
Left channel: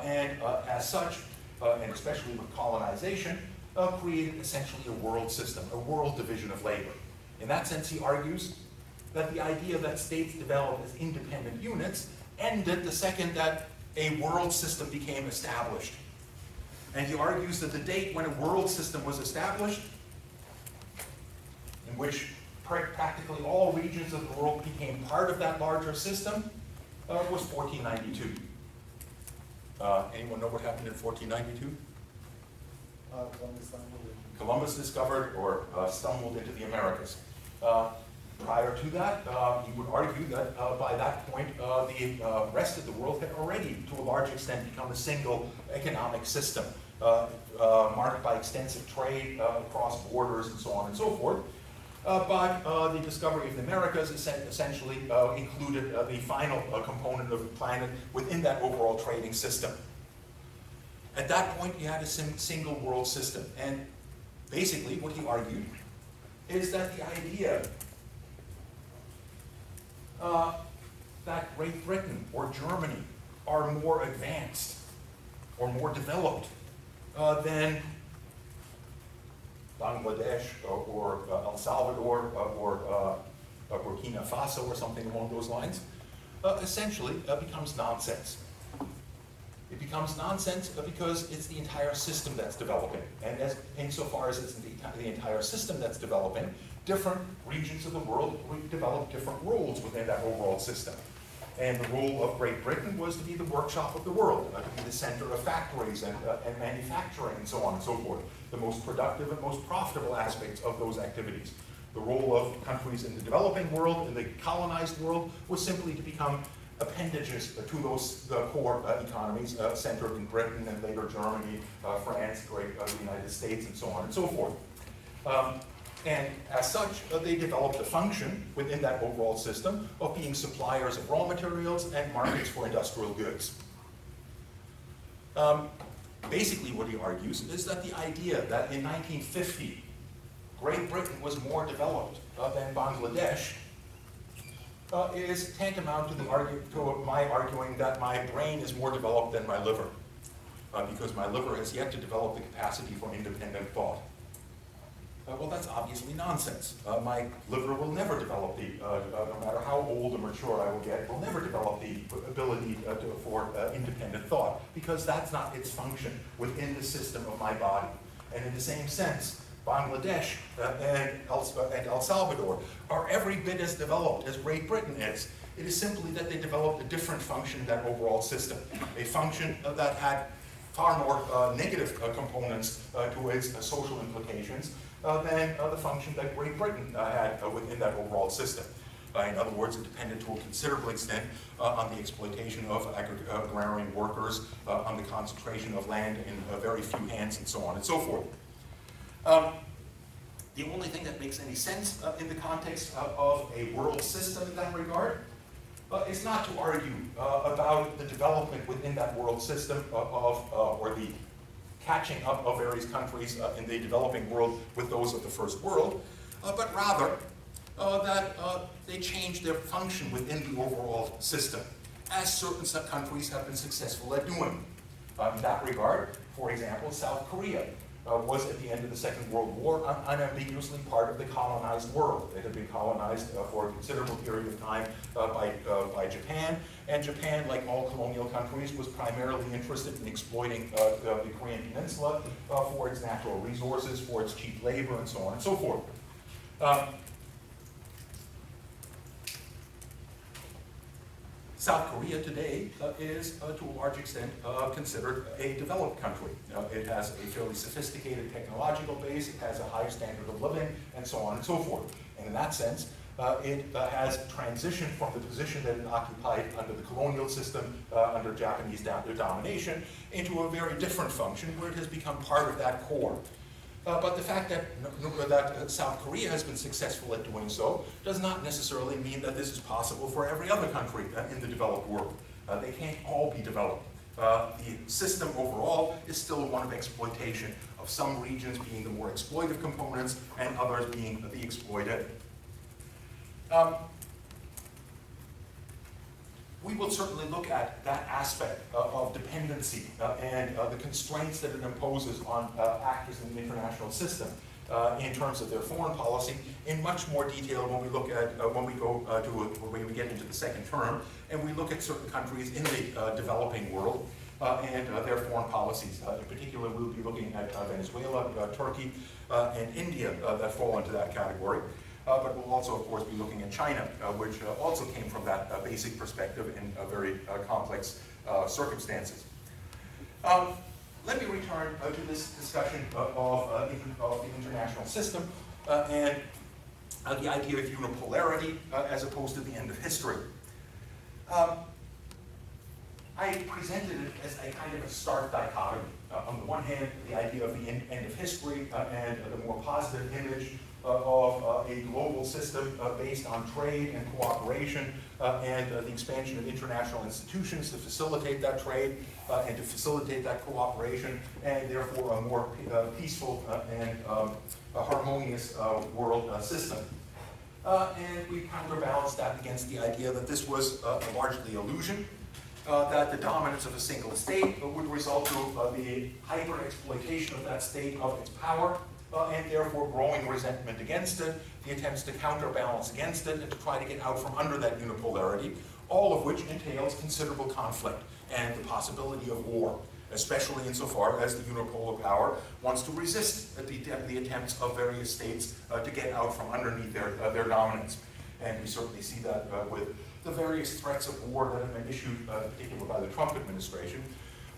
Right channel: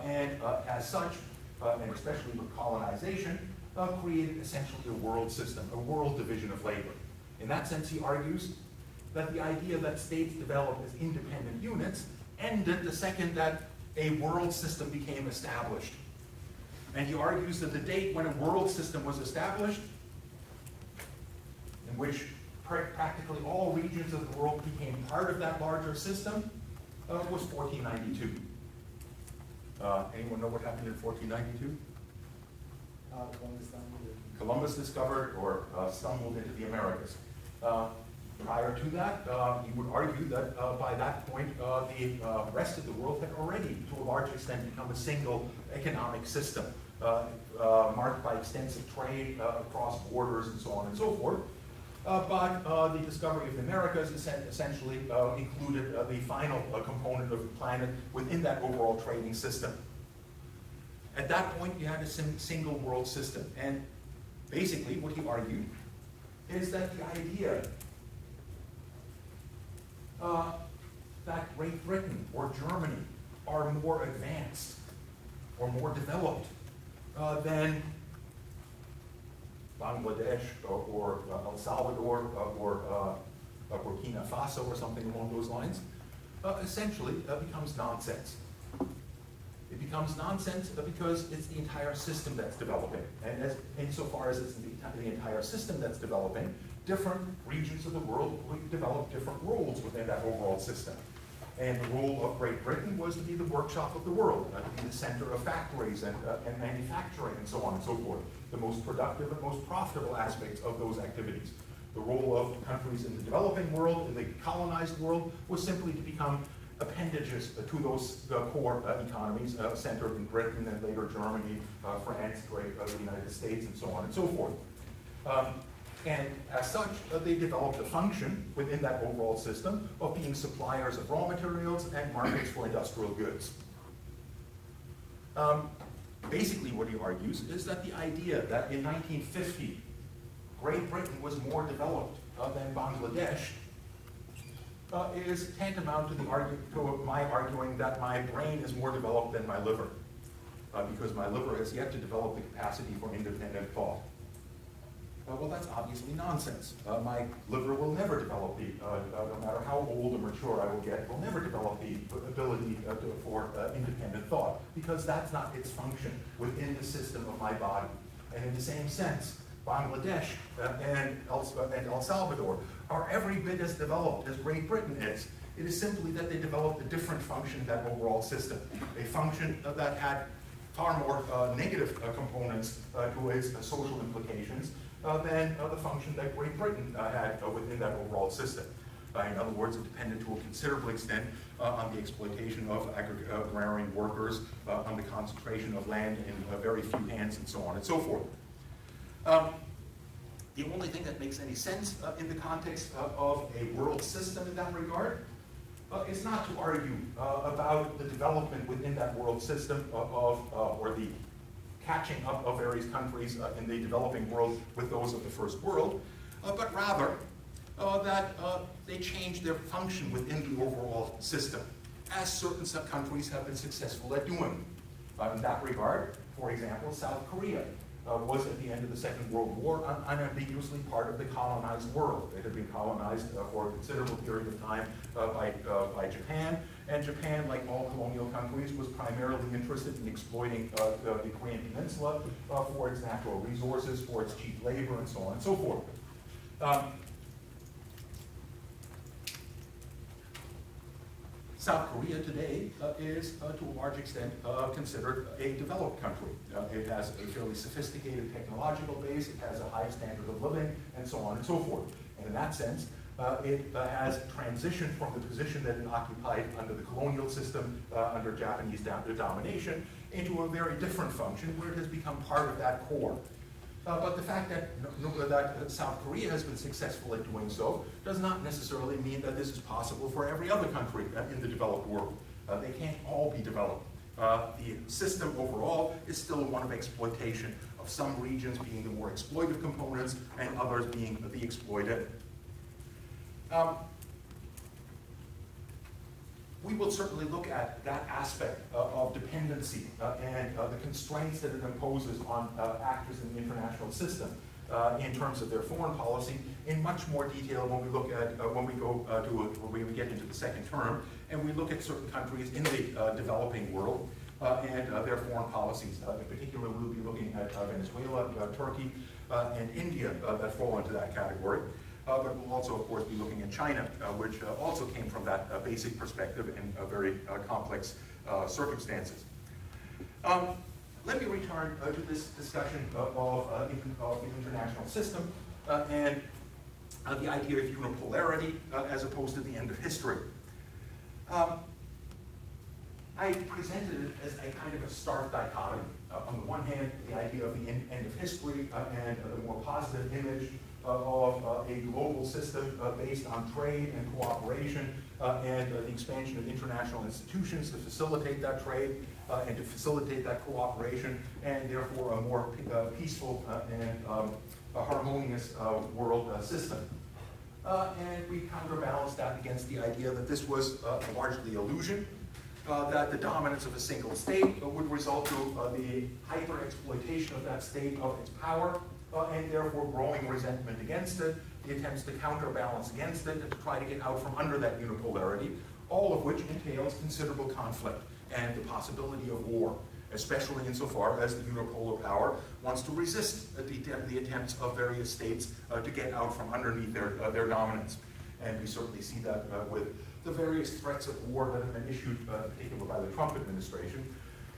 And as such, and especially with colonization, created essentially a world system, a world division of labor. In that sense, he argues that the idea that states develop as independent units ended the second that a world system became established. And he argues that the date when a world system was established, in which practically all regions of the world became part of that larger system, was 1492. Anyone know what happened in 1492? Columbus discovered or stumbled into the Americas. Prior to that, he would argue that by that point, the rest of the world had already, to a large extent, become a single economic system, marked by extensive trade across borders and so on and so forth. But the discovery of the Americas essentially included the final component of the planet within that overall trading system. At that point, you had a single world system. And basically, what he argued is that the idea that Great Britain or Germany are more advanced or more developed than Bangladesh or El Salvador or Burkina Faso or something along those lines, essentially becomes nonsense. It becomes nonsense because it's the entire system that's developing. And insofar as it's the entire system that's developing, different regions of the world develop different roles within that overall system. And the role of Great Britain was to be the workshop of the world, to be the center of factories and manufacturing and so on and so forth, the most productive and most profitable aspects of those activities. The role of countries in the developing world, in the colonized world, was simply to become appendages to those core economies centered in Britain and later Germany, France, the United States, and so on and so forth. And as such, they developed a function within that overall system of being suppliers of raw materials and markets for industrial goods. Basically, what he argues is that the idea that in 1950, Great Britain was more developed than Bangladesh is tantamount to my arguing that my brain is more developed than my liver, because my liver has yet to develop the capacity for independent thought. Well, that's obviously nonsense. My liver will never develop no matter how old or mature I will get, will never develop the ability for independent thought, because that's not its function within the system of my body. And in the same sense, Bangladesh and El Salvador are every bit as developed as Great Britain is. It is simply that they developed a different function in that overall system, a function that had far more negative components to its social implications than the function that Great Britain had within that overall system. In other words, it depended to a considerable extent on the exploitation of agrarian workers, on the concentration of land in very few hands, and so on and so forth. The only thing that makes any sense in the context of a world system in that regard is not to argue about the development within that world system or the catching up of various countries in the developing world with those of the first world, but rather that they change their function within the overall system, as certain countries have been successful at doing. In that regard, for example, South Korea was at the end of the Second World War unambiguously part of the colonized world. It had been colonized for a considerable period of time by Japan, and Japan, like all colonial countries, was primarily interested in exploiting the Korean Peninsula for its natural resources, for its cheap labor, and so on and so forth. South Korea today is, to a large extent, considered a developed country. It has a fairly sophisticated technological base, it has a high standard of living, and so on and so forth. And in that sense, it has transitioned from the position that it occupied under the colonial system, under Japanese domination, into a very different function where it has become part of that core. But the fact that South Korea has been successful at doing so does not necessarily mean that this is possible for every other country in the developed world. They can't all be developed. The system overall is still one of exploitation, of some regions being the more exploited components and others being the exploited. We will certainly look at that aspect of dependency and the constraints that it imposes on actors in the international system in terms of their foreign policy in much more detail when we look at when we get into the second term and we look at certain countries in the developing world and their foreign policies. In particular, we'll be looking at Venezuela, Turkey, and India that fall into that category. But we'll also, of course, be looking at China, which also came from that basic perspective in very complex circumstances. Let me return to this discussion of the international system and the idea of unipolarity as opposed to the end of history. I presented it as a kind of a stark dichotomy. On the one hand, the idea of the end of history and the more positive image of a global system based on trade and cooperation and the expansion of international institutions to facilitate that trade and to facilitate that cooperation and therefore a more peaceful and harmonious world system. And we counterbalanced that against the idea that this was largely illusion, that the dominance of a single state would result to the hyper-exploitation of that state of its power, and therefore growing resentment against it, the attempts to counterbalance against it, and to try to get out from under that unipolarity, all of which entails considerable conflict and the possibility of war, especially insofar as the unipolar power wants to resist the attempts of various states to get out from underneath their dominance. And we certainly see that with the various threats of war that have been issued, in particular by the Trump administration.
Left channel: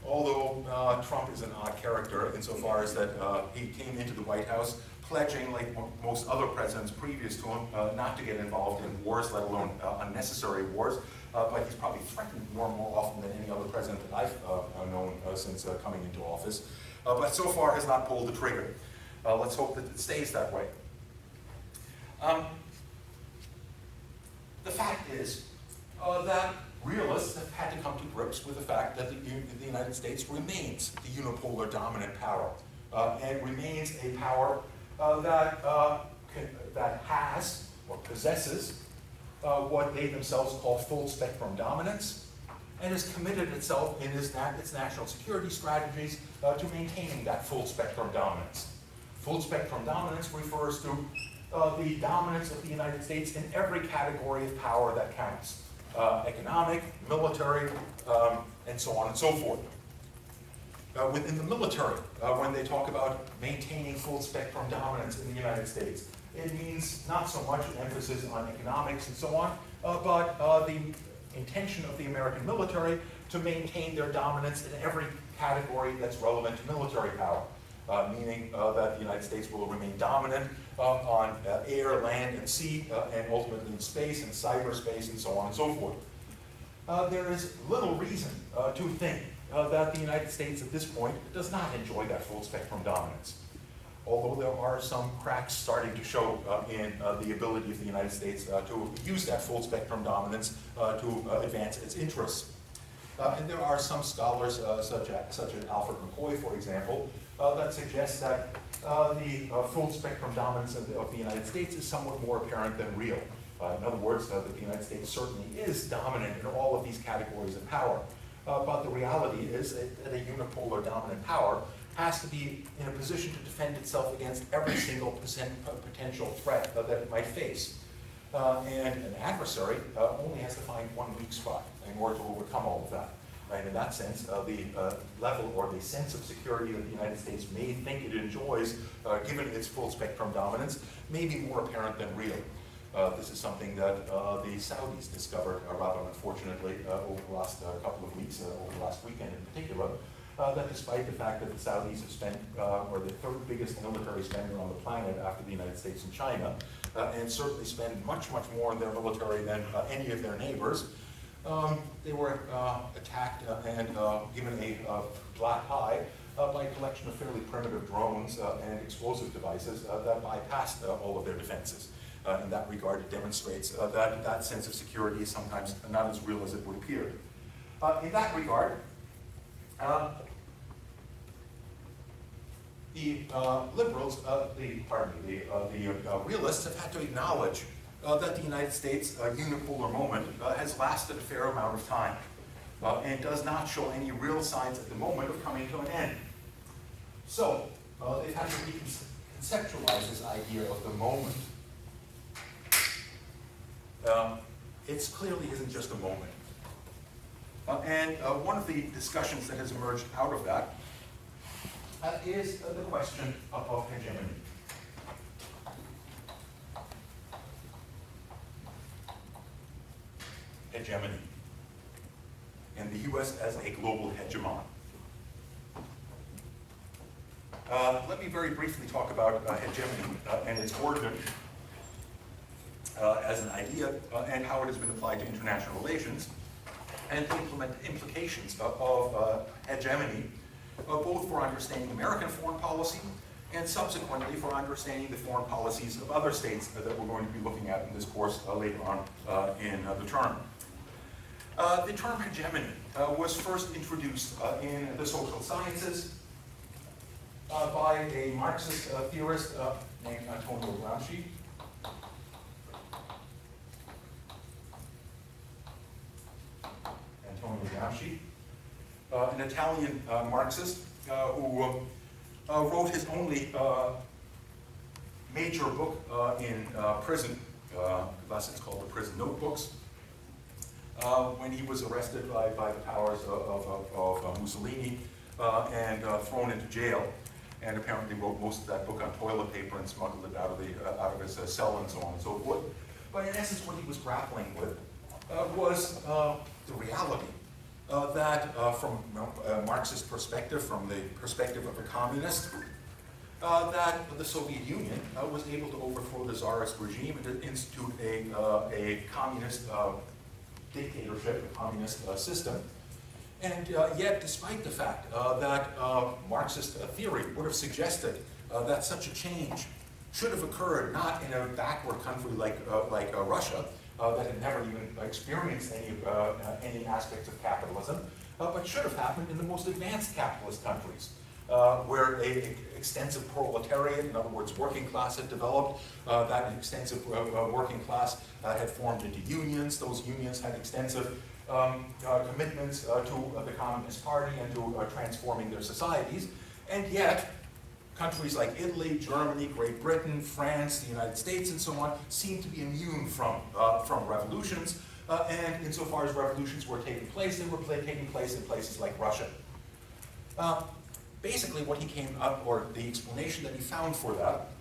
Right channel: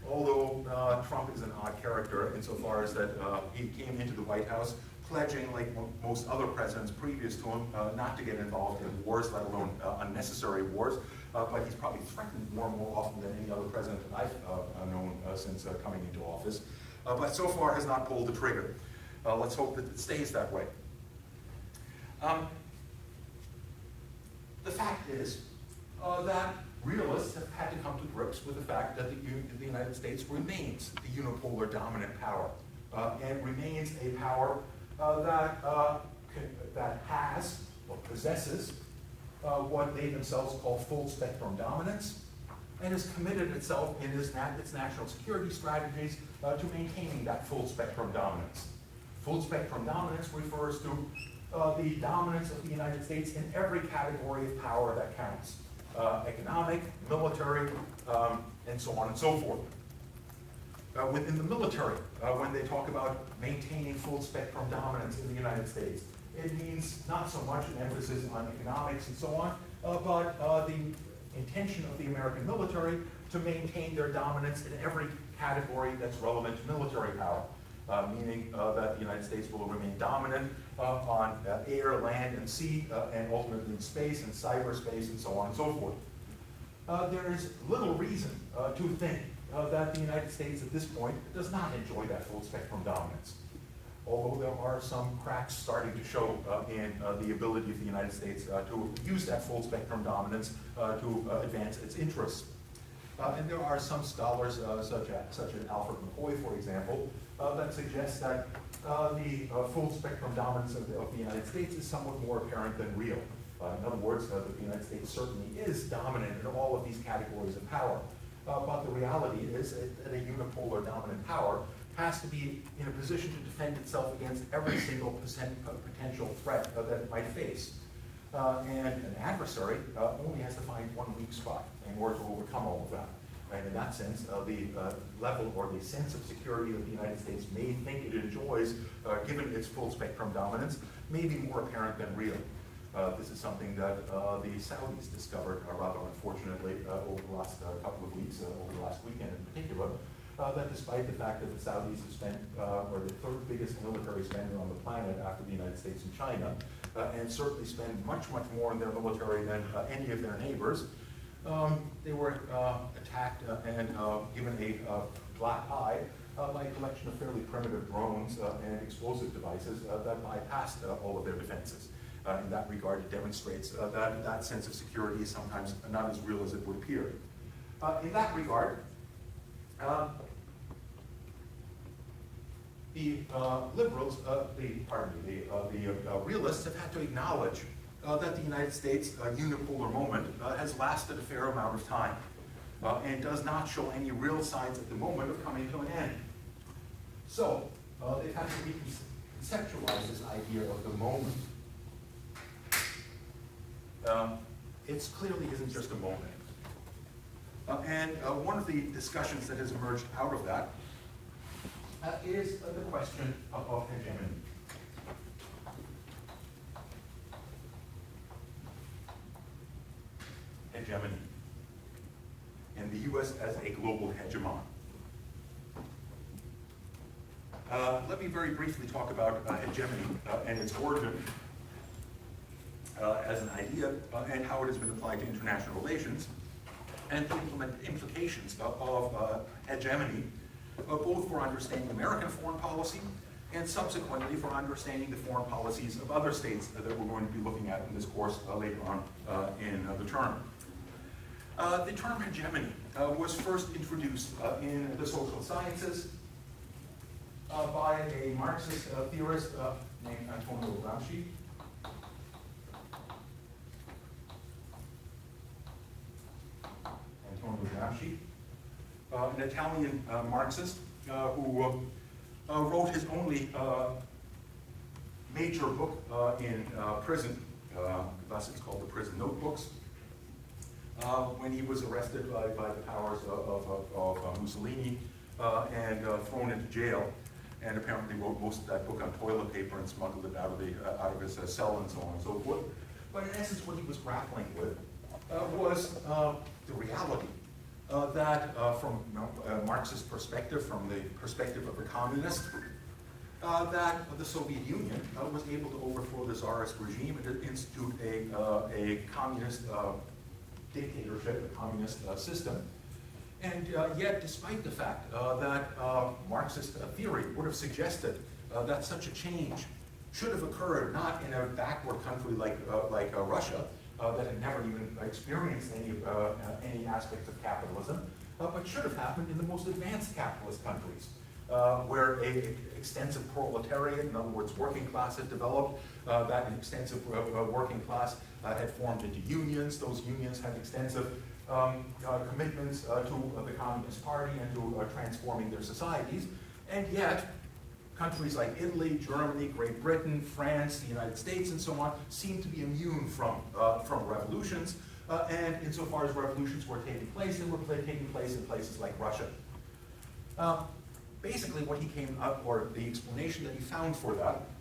Although Trump is an odd character insofar as that he came into the White House pledging, like most other presidents previous to him, not to get involved in wars, let alone unnecessary wars. But he's probably threatened more often than any other president that I've known since coming into office. But so far has not pulled the trigger. Let's hope that it stays that way. The fact is that realists have had to come to grips with the fact that the United States remains the unipolar dominant power and remains a power that has or possesses what they themselves call full spectrum dominance and has committed itself in its national security strategies to maintaining that full spectrum dominance. Full spectrum dominance refers to the dominance of the United States in every category of power that counts. Economic, military, and so on and so forth. Within the military, when they talk about maintaining full spectrum dominance in the United States, it means not so much an emphasis on economics and so on, but the intention of the American military to maintain their dominance in every category that's relevant to military power. Meaning that the United States will remain dominant on air, land, and sea, and ultimately in space and cyberspace and so on and so forth. There is little reason to think that the United States at this point does not enjoy that full spectrum dominance. Although there are some cracks starting to show in the ability of the United States to use that full spectrum dominance to advance its interests. And there are some scholars, such as Alfred McCoy, for example, that suggest that the full spectrum dominance of the United States is somewhat more apparent than real. In other words, that the United States certainly is dominant in all of these categories of power. But the reality is that a unipolar dominant power has to be in a position to defend itself against every single potential threat that it might face. And an adversary only has to find one weak spot in order to overcome all of that. And in that sense, the level or the sense of security that the United States may think it enjoys, given its full spectrum dominance, may be more apparent than real. This is something that the Saudis discovered, rather unfortunately, over the last couple of weeks, over the last weekend in particular, that despite the fact that the Saudis have spent, or the third biggest military spender on the planet after the United States and China, and certainly spend much, much more in their military than any of their neighbors, they were attacked and given a black eye by a collection of fairly primitive drones and explosive devices that bypassed all of their defenses. In that regard, it demonstrates that sense of security is sometimes not as real as it would appear. In that regard, the liberals, the realists have had to acknowledge that the United States unipolar moment has lasted a fair amount of time and does not show any real signs at the moment of coming to an end. So they've had to reconceptualize this idea of the moment. It clearly isn't just a moment. And one of the discussions that has emerged out of that is the question of hegemony. Hegemony. And the U.S. as a global hegemon. Let me very briefly talk about hegemony and its origin as an idea and how it has been applied to international relations and the implications of hegemony, both for understanding American foreign policy and subsequently for understanding the foreign policies of other states that we're going to be looking at in this course later on in the term. The term hegemony was first introduced in the social sciences by a Marxist theorist named Antonio Gramsci. An Italian Marxist who wrote his only major book in prison, thus it's called the Prison Notebooks, when he was arrested by the powers of Mussolini and thrown into jail, and apparently wrote most of that book on toilet paper and smuggled it out of his cell and so on and so forth. But in essence, what he was grappling with was the reality that from a Marxist perspective, from the perspective of a communist, that the Soviet Union was able to overthrow the Tsarist regime and institute a communist dictatorship, a communist system. And yet, despite the fact that Marxist theory would have suggested that such a change should have occurred not in a backward country like Russia, that had never even experienced any aspects of capitalism, but should have happened in the most advanced capitalist countries, where an extensive proletariat, in other words, working class had developed, that extensive working class had formed into unions. Those unions had extensive commitments to the Communist Party and to transforming their societies, and yet countries like Italy, Germany, Great Britain, France, the United States, and so on, seem to be immune from revolutions, and insofar as revolutions were taking place, they were taking place in places like Russia. Basically, what he came up, or the explanation that he found for that,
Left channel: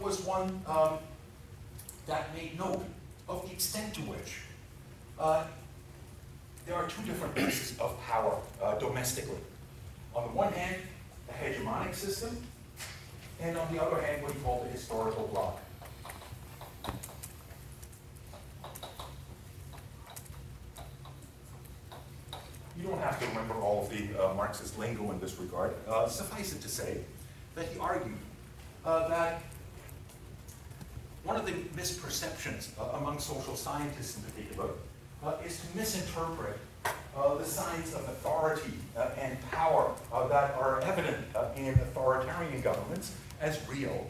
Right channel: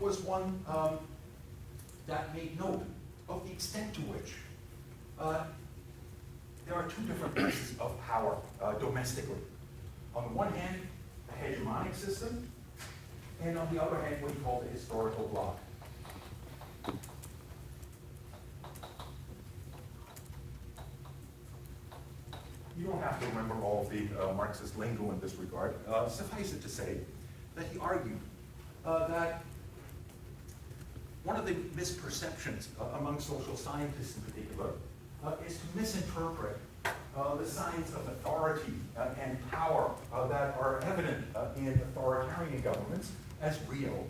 was one that made note of the extent to which there are two different bases of power domestically. On the one hand, the hegemonic system, and on the other hand, what he called the historical bloc. You don't have to remember all of the Marxist lingo in this regard. Suffice it to say that he argued that one of the misperceptions among social scientists in particular is to misinterpret the signs of authority and power that are evident in authoritarian governments as real,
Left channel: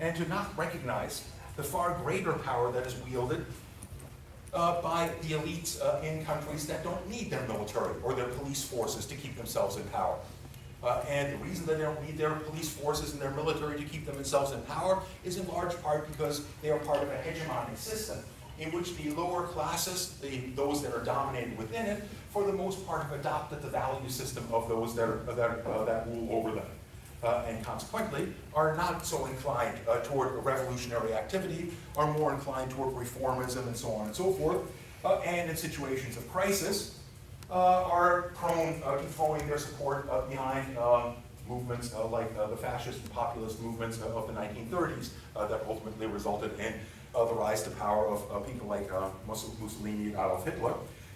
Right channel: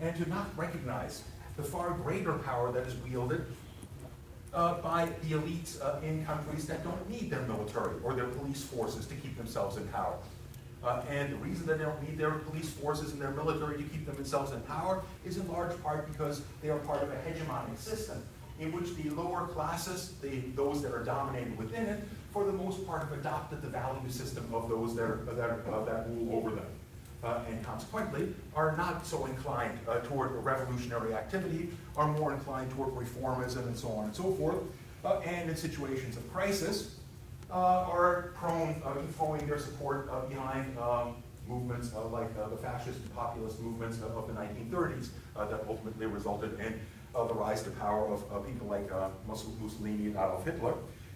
and to not recognize the far greater power that is wielded by the elites in countries that don't need their military or their police forces to keep themselves in power. And the reason that they don't need their police forces and their military to keep themselves in power is in large part because they are part of a hegemonic system in which the lower classes, those that are dominated within it, for the most part have adopted the value system of those that rule over them. And consequently are not so inclined toward revolutionary activity, are more inclined toward reformism and so on and so forth, and in situations of crisis are prone to throwing their support behind movements like the fascist and populist movements of the 1930s that ultimately resulted in the rise to power of people like Mussolini and Adolf Hitler,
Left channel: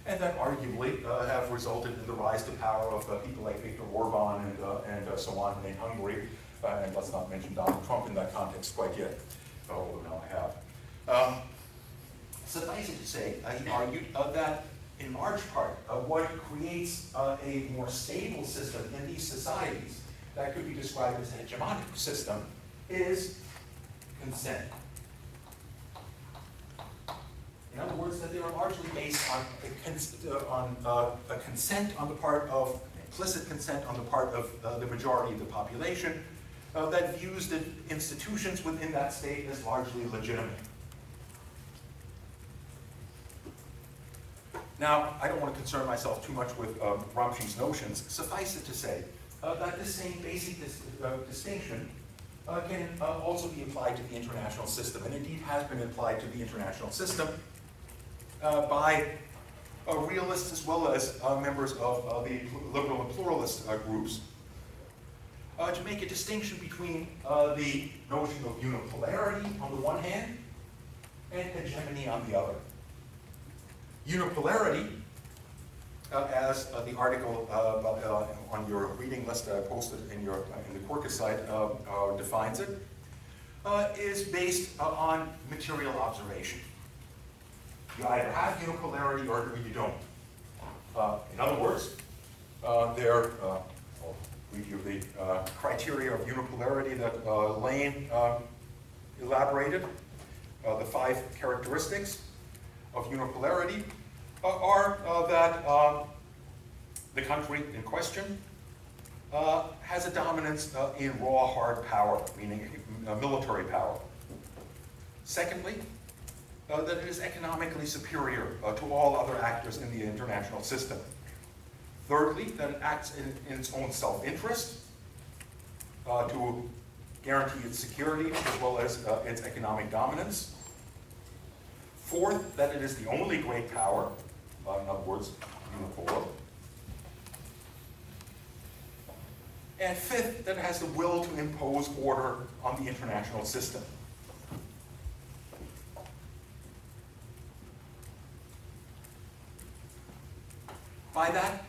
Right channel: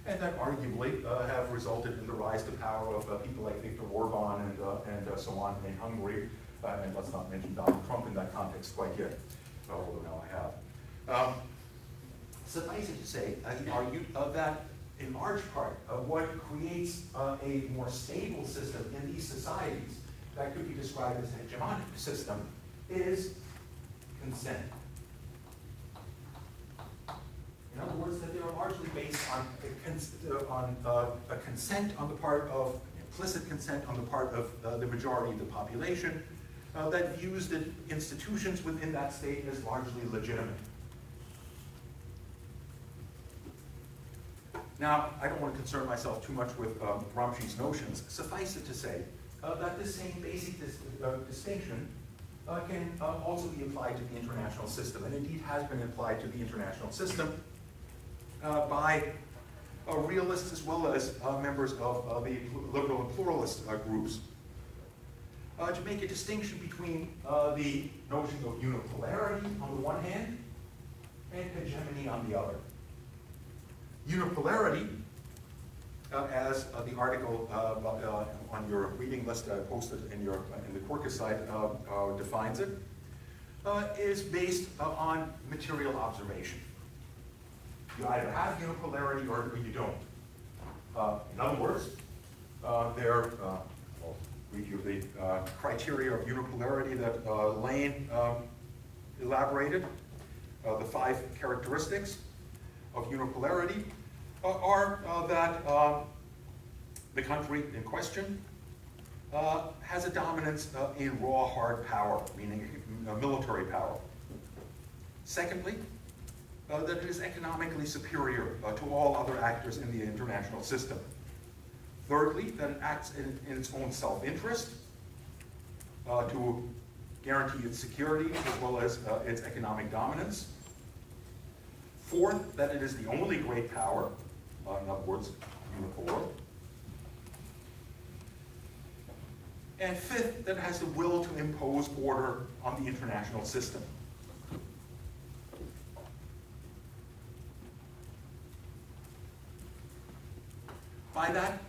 and that arguably have resulted in the rise to power of people like Viktor Orban and so on in Hungary, and let's not mention Donald Trump in that context quite yet, although now I have. Suffice it to say, he argued that in large part, what creates a more stable system in these societies that could be described as a hegemonic system is consent. In other words, that they are largely based on a consent on the part of, implicit consent on the part of the majority of the population that views the institutions within that state as largely legitimate. Now, I don't want to concern myself too much with Gramsci's notions. Suffice it to say that this same basic distinction can also be applied to the international system, and indeed has been applied to the international system by realists as well as members of the liberal and pluralist groups to make a distinction between the notion of unipolarity on the one hand and hegemony on the other. Unipolarity, as the article on your reading list that I posted in the Quercus site defines it, is based on material observation. You either have unipolarity or you don't. In other words, I'll read you the criteria of unipolarity that Lane elaborated. The 5 characteristics of unipolarity are that the country in question has a dominance in raw hard power, meaning military power. Secondly, that it is economically superior to all other actors in the international system. Thirdly, that it acts in its own self-interest to guarantee its security as well as its economic dominance. Fourth, that it is the only great power, in other words, unipolar. And fifth, that it has the will to impose order on the international system. By that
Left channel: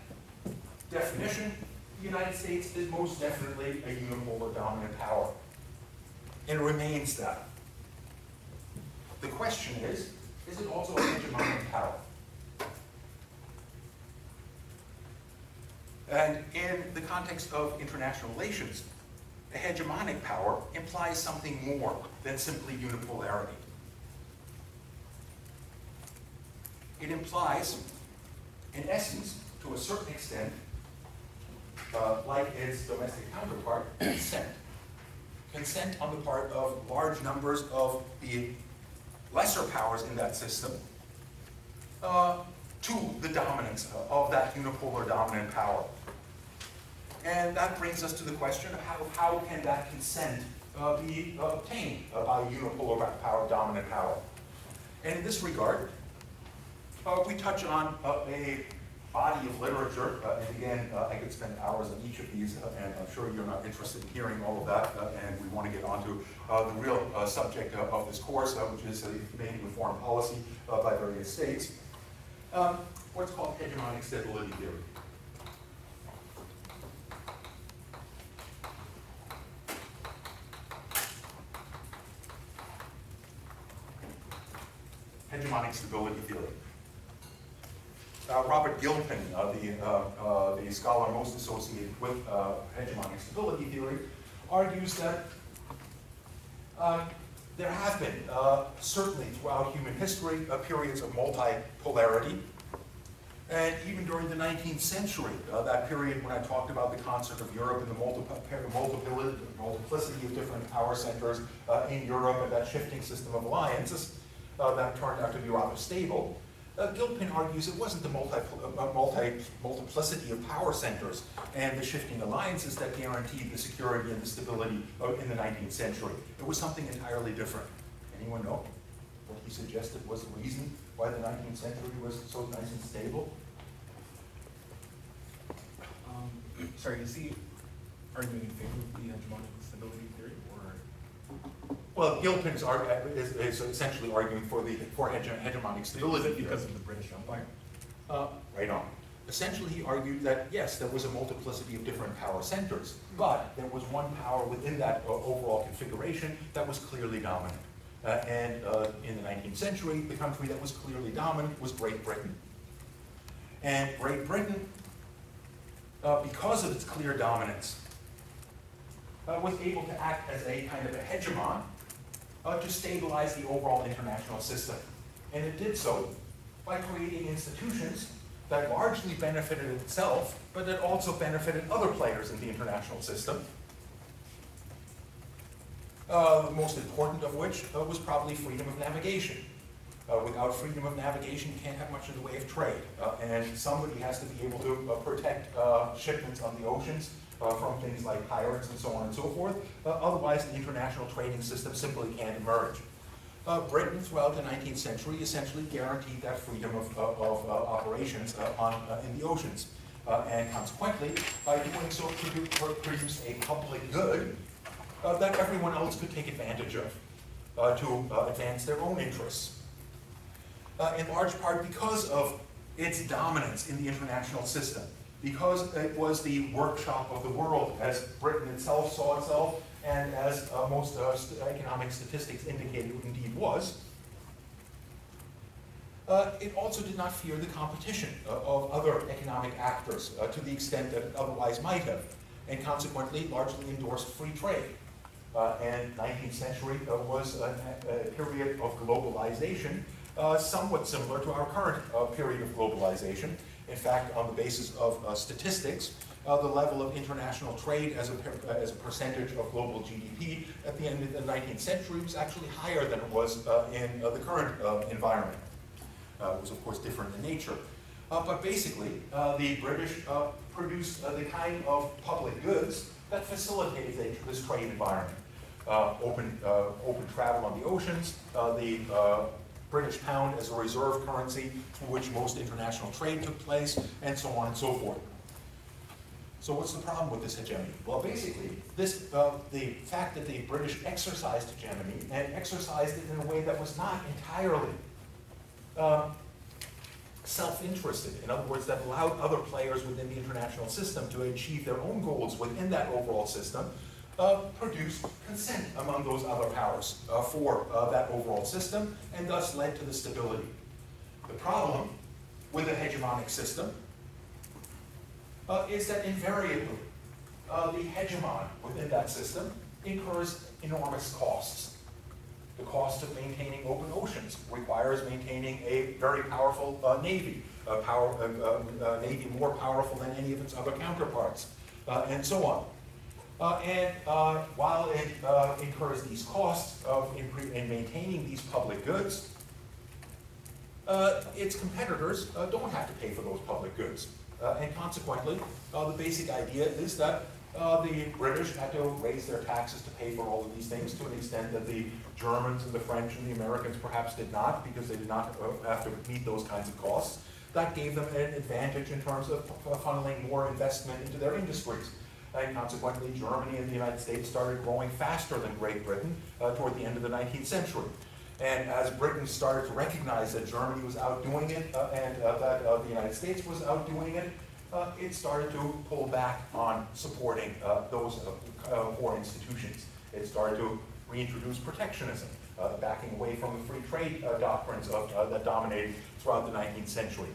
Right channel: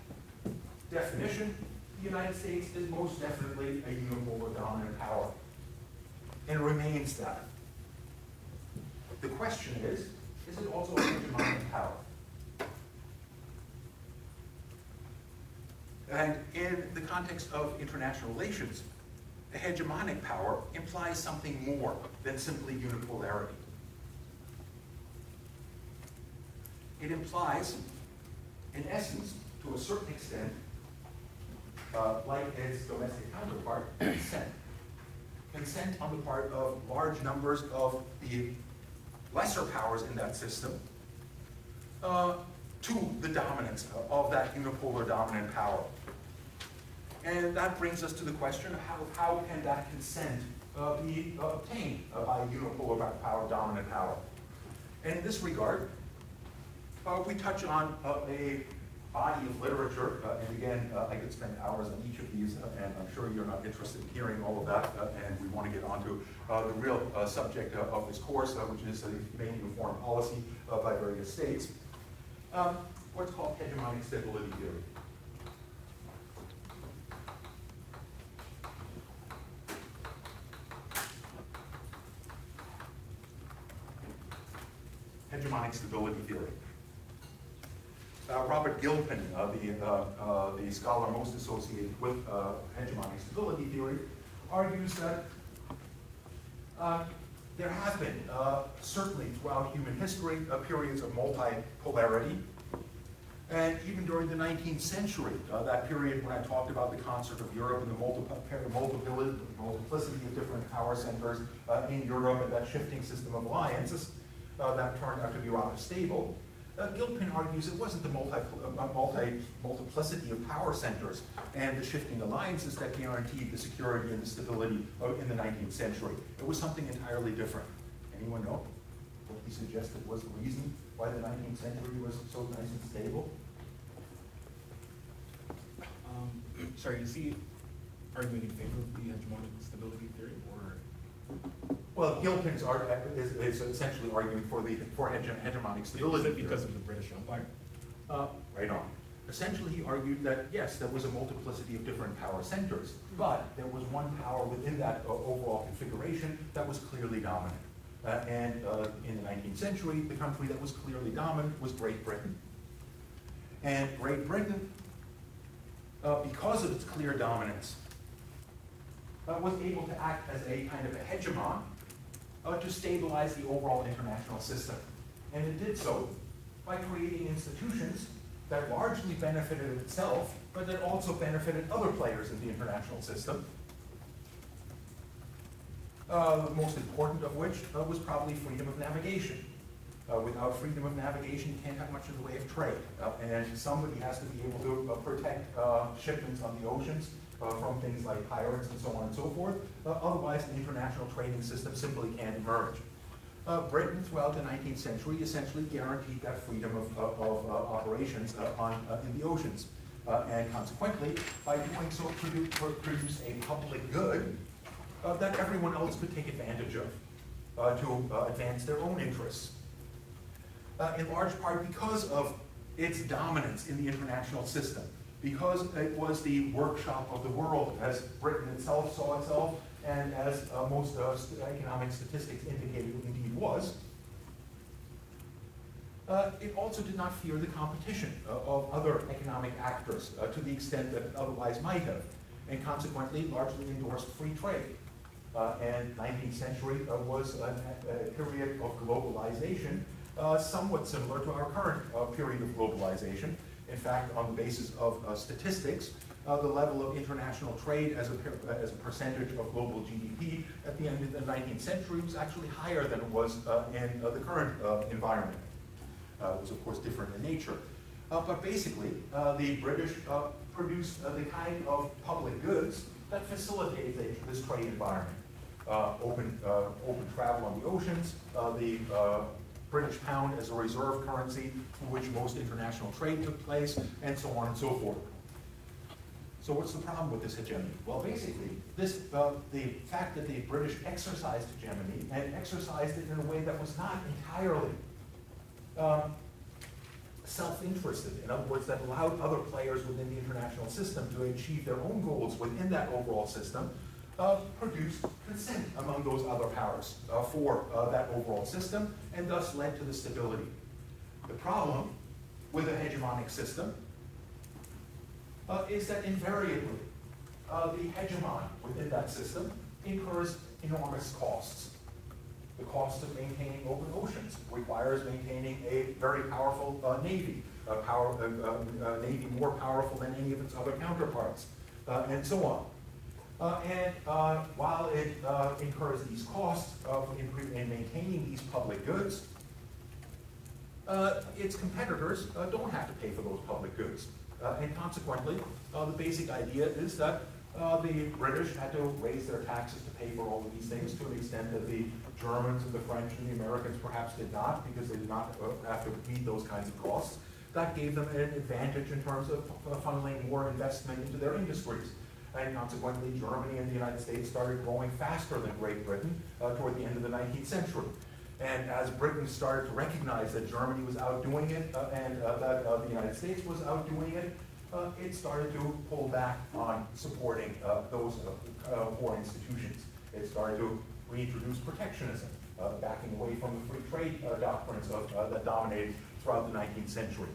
definition, the United States is most definitely a unipolar dominant power, and remains that. The question is it also a hegemonic power? And in the context of international relations, a hegemonic power implies something more than simply unipolarity. It implies, in essence, to a certain extent, like its domestic counterpart, consent. Consent on the part of large numbers of the lesser powers in that system to the dominance of that unipolar dominant power. And that brings us to the question of how can that consent be obtained by a unipolar power, dominant power. And in this regard, we touch on a body of literature, and again, I could spend hours on each of these, and I'm sure you're not interested in hearing all of that, and we want to get on to the real subject of this course, which is the Comparative Foreign Policy by various states. What's called hegemonic stability theory. Hegemonic stability theory. Robert Gilpin, the scholar most associated with hegemonic stability theory, argues that there have been, certainly throughout human history, periods of multipolarity. And even during the 19th century, that period when I talked about the concert of Europe and the multiplicity of different power centers in Europe and that shifting system of alliances that turned out to be rather stable, Gilpin argues it wasn't the multiplicity of power centers and the shifting alliances that guaranteed the security and the stability in the 19th century. It was something entirely different. Anyone know what he suggested was the reason why the 19th century was so nice and stable? Sorry, is he arguing in favor of the hegemonic stability theory, or? Well, Gilpin's is essentially arguing for hegemonic stability. Is it because of the British Empire? Right on. Essentially, he argued that, yes, there was a multiplicity of different power centers, but there was one power within that overall configuration that was clearly dominant. And in the 19th century, the country that was clearly dominant was Great Britain. And Great Britain, because of its clear dominance, was able to act as a kind of a hegemon to stabilize the overall international system. And it did so by creating institutions that largely benefited itself, but that also benefited other players in the international system. The most important of which was probably freedom of navigation. Without freedom of navigation, you can't have much in the way of trade. And somebody has to be able to protect shipments on the oceans from things like pirates and so on and so forth. Otherwise, the international trading system simply can't emerge. Britain, throughout the 19th century, essentially guaranteed that freedom of operations in the oceans. And consequently, by doing so, produced a public good that everyone else could take advantage of to advance their own interests. In large part because of its dominance in the international system, because it was the workshop of the world, as Britain itself saw itself, and as most economic statistics indicated it indeed was. It also did not fear the competition of other economic actors to the extent that it otherwise might have, and consequently largely endorsed free trade. And 19th century was a period of globalization, somewhat similar to our current period of globalization. In fact, on the basis of statistics, the level of international trade as a percentage of global GDP at the end of the 19th century was actually higher than it was in the current environment. It was, of course, different in nature. But basically, the British produced the kind of public goods that facilitated this trade environment. Open travel on the oceans, the British pound as a reserve currency through which most international trade took place, and so on and so forth. So what's the problem with this hegemony? Well, basically, the fact that the British exercised hegemony and exercised it in a way that was not entirely self-interested. In other words, that allowed other players within the international system to achieve their own goals within that overall system, produced consent among those other powers for that overall system, and thus led to the stability. The problem with a hegemonic system is that invariably the hegemon within that system incurs enormous costs. The cost of maintaining open oceans requires maintaining a very powerful navy, navy more powerful than any of its other counterparts, and so on. And while it incurs these costs in maintaining these public goods, its competitors don't have to pay for those public goods. And consequently, the basic idea is that the British had to raise their taxes to pay for all of these things to an extent that the Germans and the French and the Americans perhaps did not, because they did not have to meet those kinds of costs. That gave them an advantage in terms of funneling more investment into their industries. And consequently, Germany and the United States started growing faster than Great Britain toward the end of the 19th century. And as Britain started to recognize that Germany was outdoing it and that the United States was outdoing it, it started to pull back on supporting those core institutions. It started to reintroduce protectionism, backing away from the free trade doctrines that dominated throughout the 19th century.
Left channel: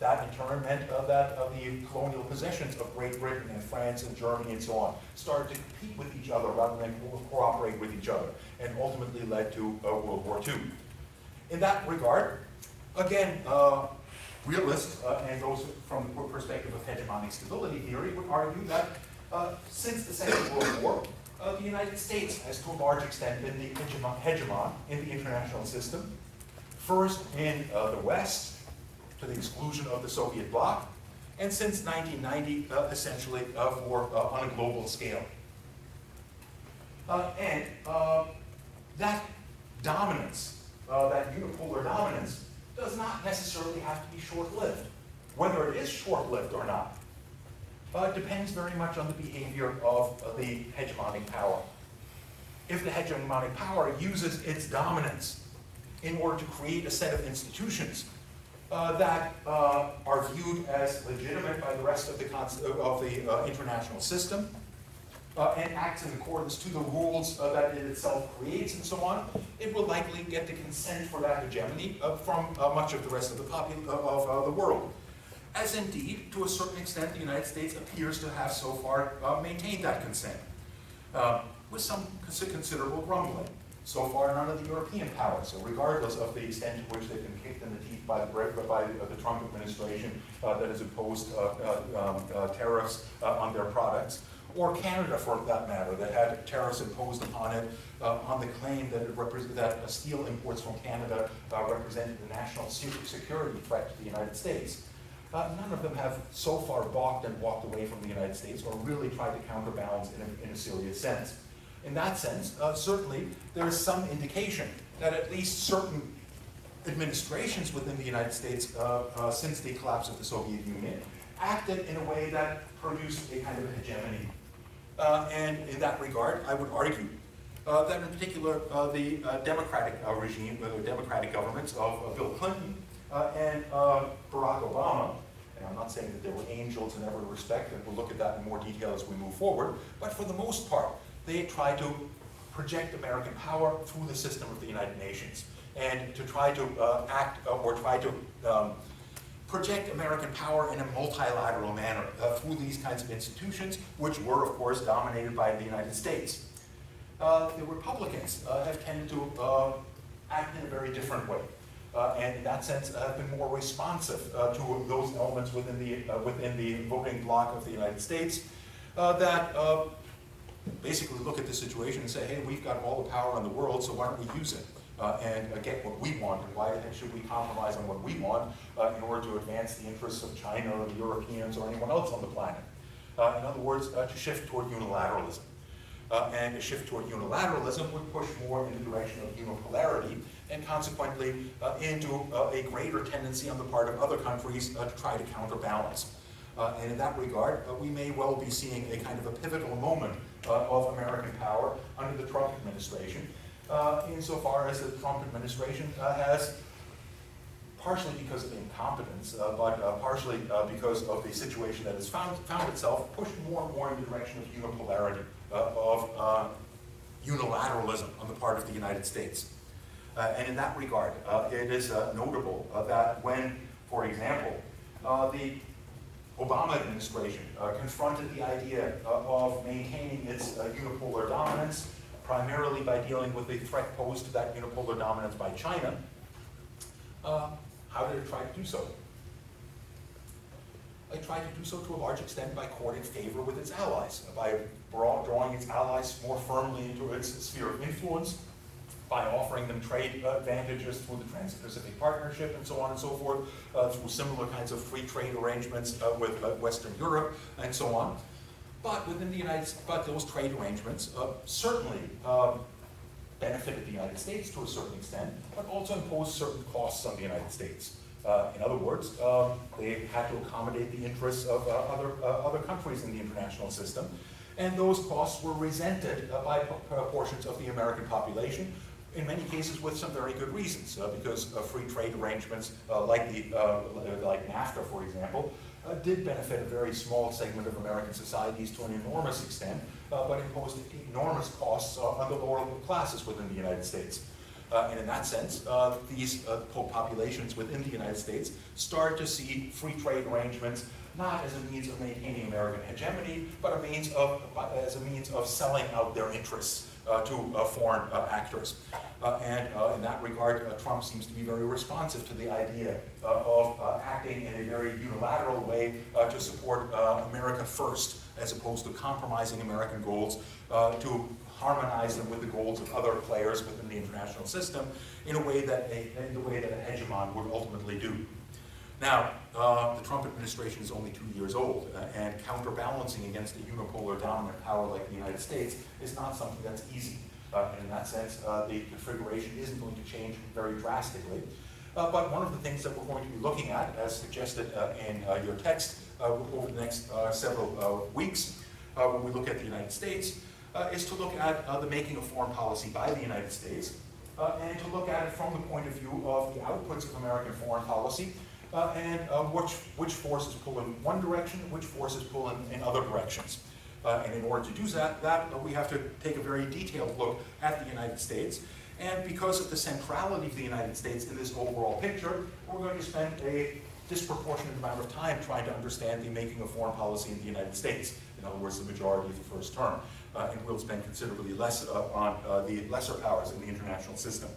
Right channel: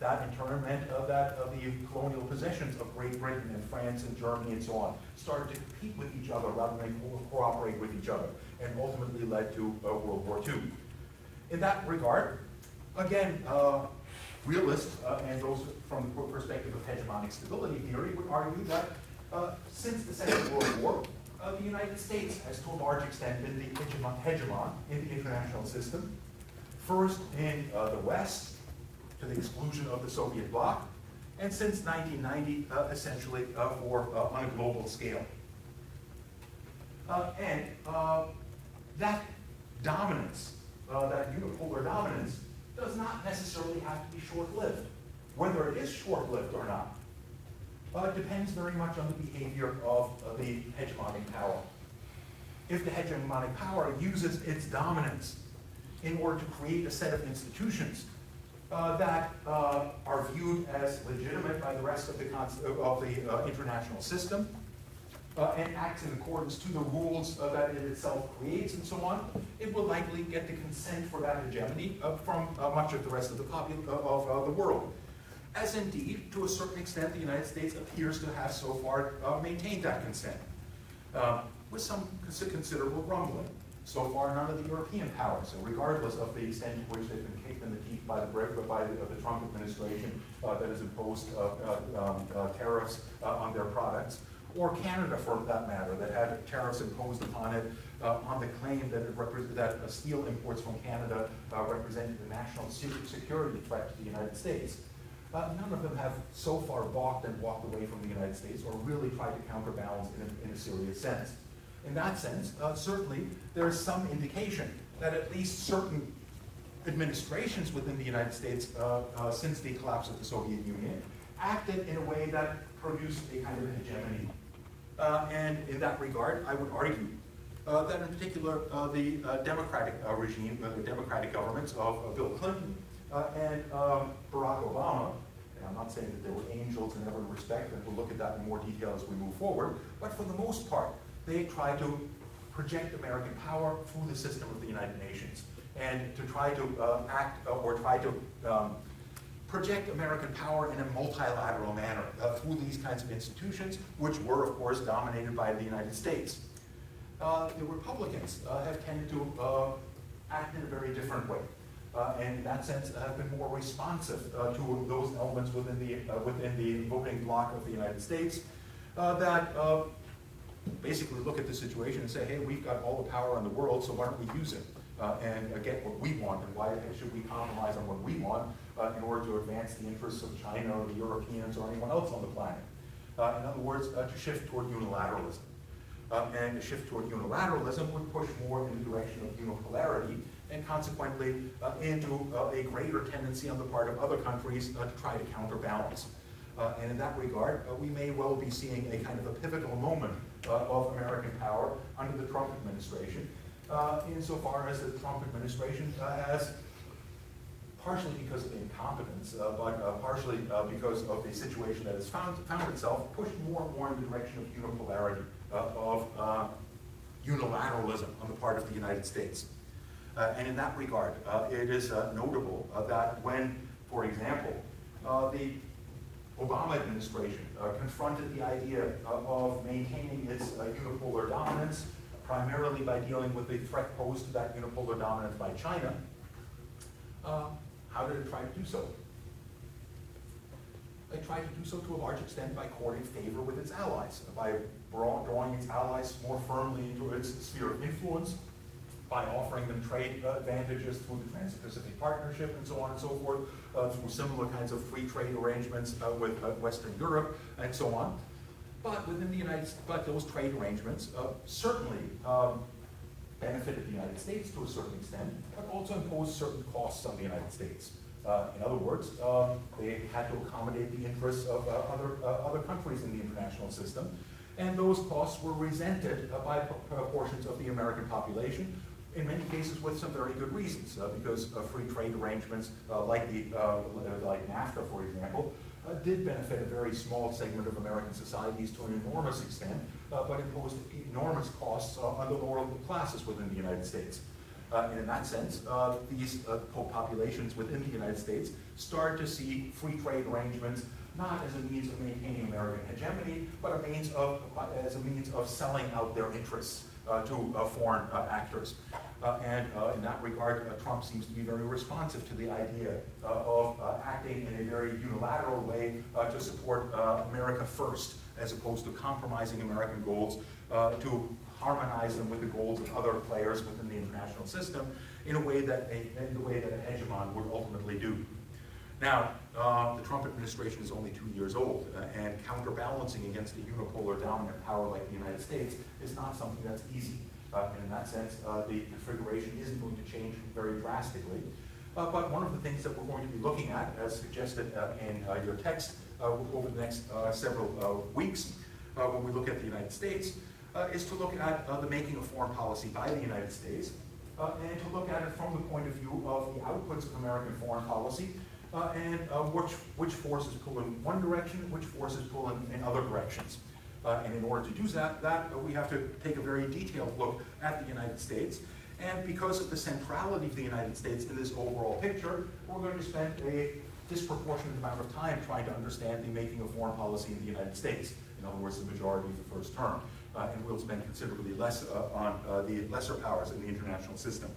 That in turn meant that the colonial possessions of Great Britain and France and Germany and so on started to compete with each other rather than cooperate with each other, and ultimately led to World War II. In that regard, again, realists and those from the perspective of hegemonic stability theory would argue that since the Second World War, the United States has to a large extent been the hegemon in the international system, first in the West, to the exclusion of the Soviet bloc, and since 1990, essentially on a global scale. And that dominance, that unipolar dominance, does not necessarily have to be short-lived. Whether it is short-lived or not depends very much on the behavior of the hegemonic power. If the hegemonic power uses its dominance in order to create a set of institutions that are viewed as legitimate by the rest of the international system, and acts in accordance to the rules that it itself creates and so on, it will likely get the consent for that hegemony from much of the rest of the world. As indeed, to a certain extent, the United States appears to have so far maintained that consent, with some considerable grumbling. So far, none of the European powers, so regardless of the extent to which they've been kicked in the teeth by the Trump administration that has imposed tariffs on their products, or Canada for that matter, that had tariffs imposed upon it on the claim that steel imports from Canada represented a national security threat to the United States. None of them have so far balked and walked away from the United States or really tried to counterbalance in a serious sense. In that sense, certainly there is some indication that at least certain administrations within the United States since the collapse of the Soviet Union acted in a way that produced a kind of hegemony. And in that regard, I would argue that in particular the Democratic regime, the Democratic governments of Bill Clinton and Barack Obama, and I'm not saying that they were angels in every respect, and we'll look at that in more detail as we move forward, but for the most part, they tried to project American power through the system of the United Nations, and to try to project American power in a multilateral manner through these kinds of institutions, which were, of course, dominated by the United States. The Republicans have tended to act in a very different way, and in that sense have been more responsive to those elements within the voting bloc of the United States that basically look at the situation and say, hey, we've got all the power in the world, so why don't we use it and get what we want, and why should we compromise on what we want in order to advance the interests of China or the Europeans or anyone else on the planet? In other words, to shift toward unilateralism. And a shift toward unilateralism would push more in the direction of unipolarity, and consequently into a greater tendency on the part of other countries to try to counterbalance. And in that regard, we may well be seeing a kind of a pivotal moment of American power under the Trump administration, insofar as the Trump administration has, partially because of incompetence, but partially because of the situation that has found itself, pushed more and more in the direction of unipolarity, of unilateralism on the part of the United States. And in that regard, it is notable that when, for example, the Obama administration confronted the idea of maintaining its unipolar dominance, primarily by dealing with the threat posed to that unipolar dominance by China, how did it try to do so? It tried to do so to a large extent by courting favor with its allies, by drawing its allies more firmly into its sphere of influence, by offering them trade advantages through the Trans-Pacific Partnership and so on and so forth, through similar kinds of free trade arrangements with Western Europe and so on. But within the those trade arrangements certainly benefited the United States to a certain extent, but also imposed certain costs on the United States. In other words, they had to accommodate the interests of other countries in the international system, and those costs were resented by portions of the American population, in many cases with some very good reasons, because free trade arrangements like NAFTA, for example, did benefit a very small segment of American societies to an enormous extent, but imposed enormous costs on the lower classes within the United States. And in that sense, these populations within the United States start to see free trade arrangements not as a means of maintaining American hegemony, but as a means of selling out their interests to foreign actors. And in that regard, Trump seems to be very responsive to the idea of acting in a very unilateral way to support America first, as opposed to compromising American goals to harmonize them with the goals of other players within the international system in the way that a hegemon would ultimately do. Now, the Trump administration is only 2 years old, and counterbalancing against a unipolar dominant power like the United States is not something that's easy. And in that sense, the configuration isn't going to change very drastically. But one of the things that we're going to be looking at, as suggested in your text over the next several weeks, when we look at the United States, is to look at the making of foreign policy by the United States, and to look at it from the point of view of the outputs of American foreign policy, and which forces pull in one direction, which forces pull in other directions. And in order to do that, we have to take a very detailed look at the United States. And because of the centrality of the United States in this overall picture, we're going to spend a disproportionate amount of time trying to understand the making of foreign policy in the United States. In other words, the majority of the first term. And we'll spend considerably less on the lesser powers in the international system.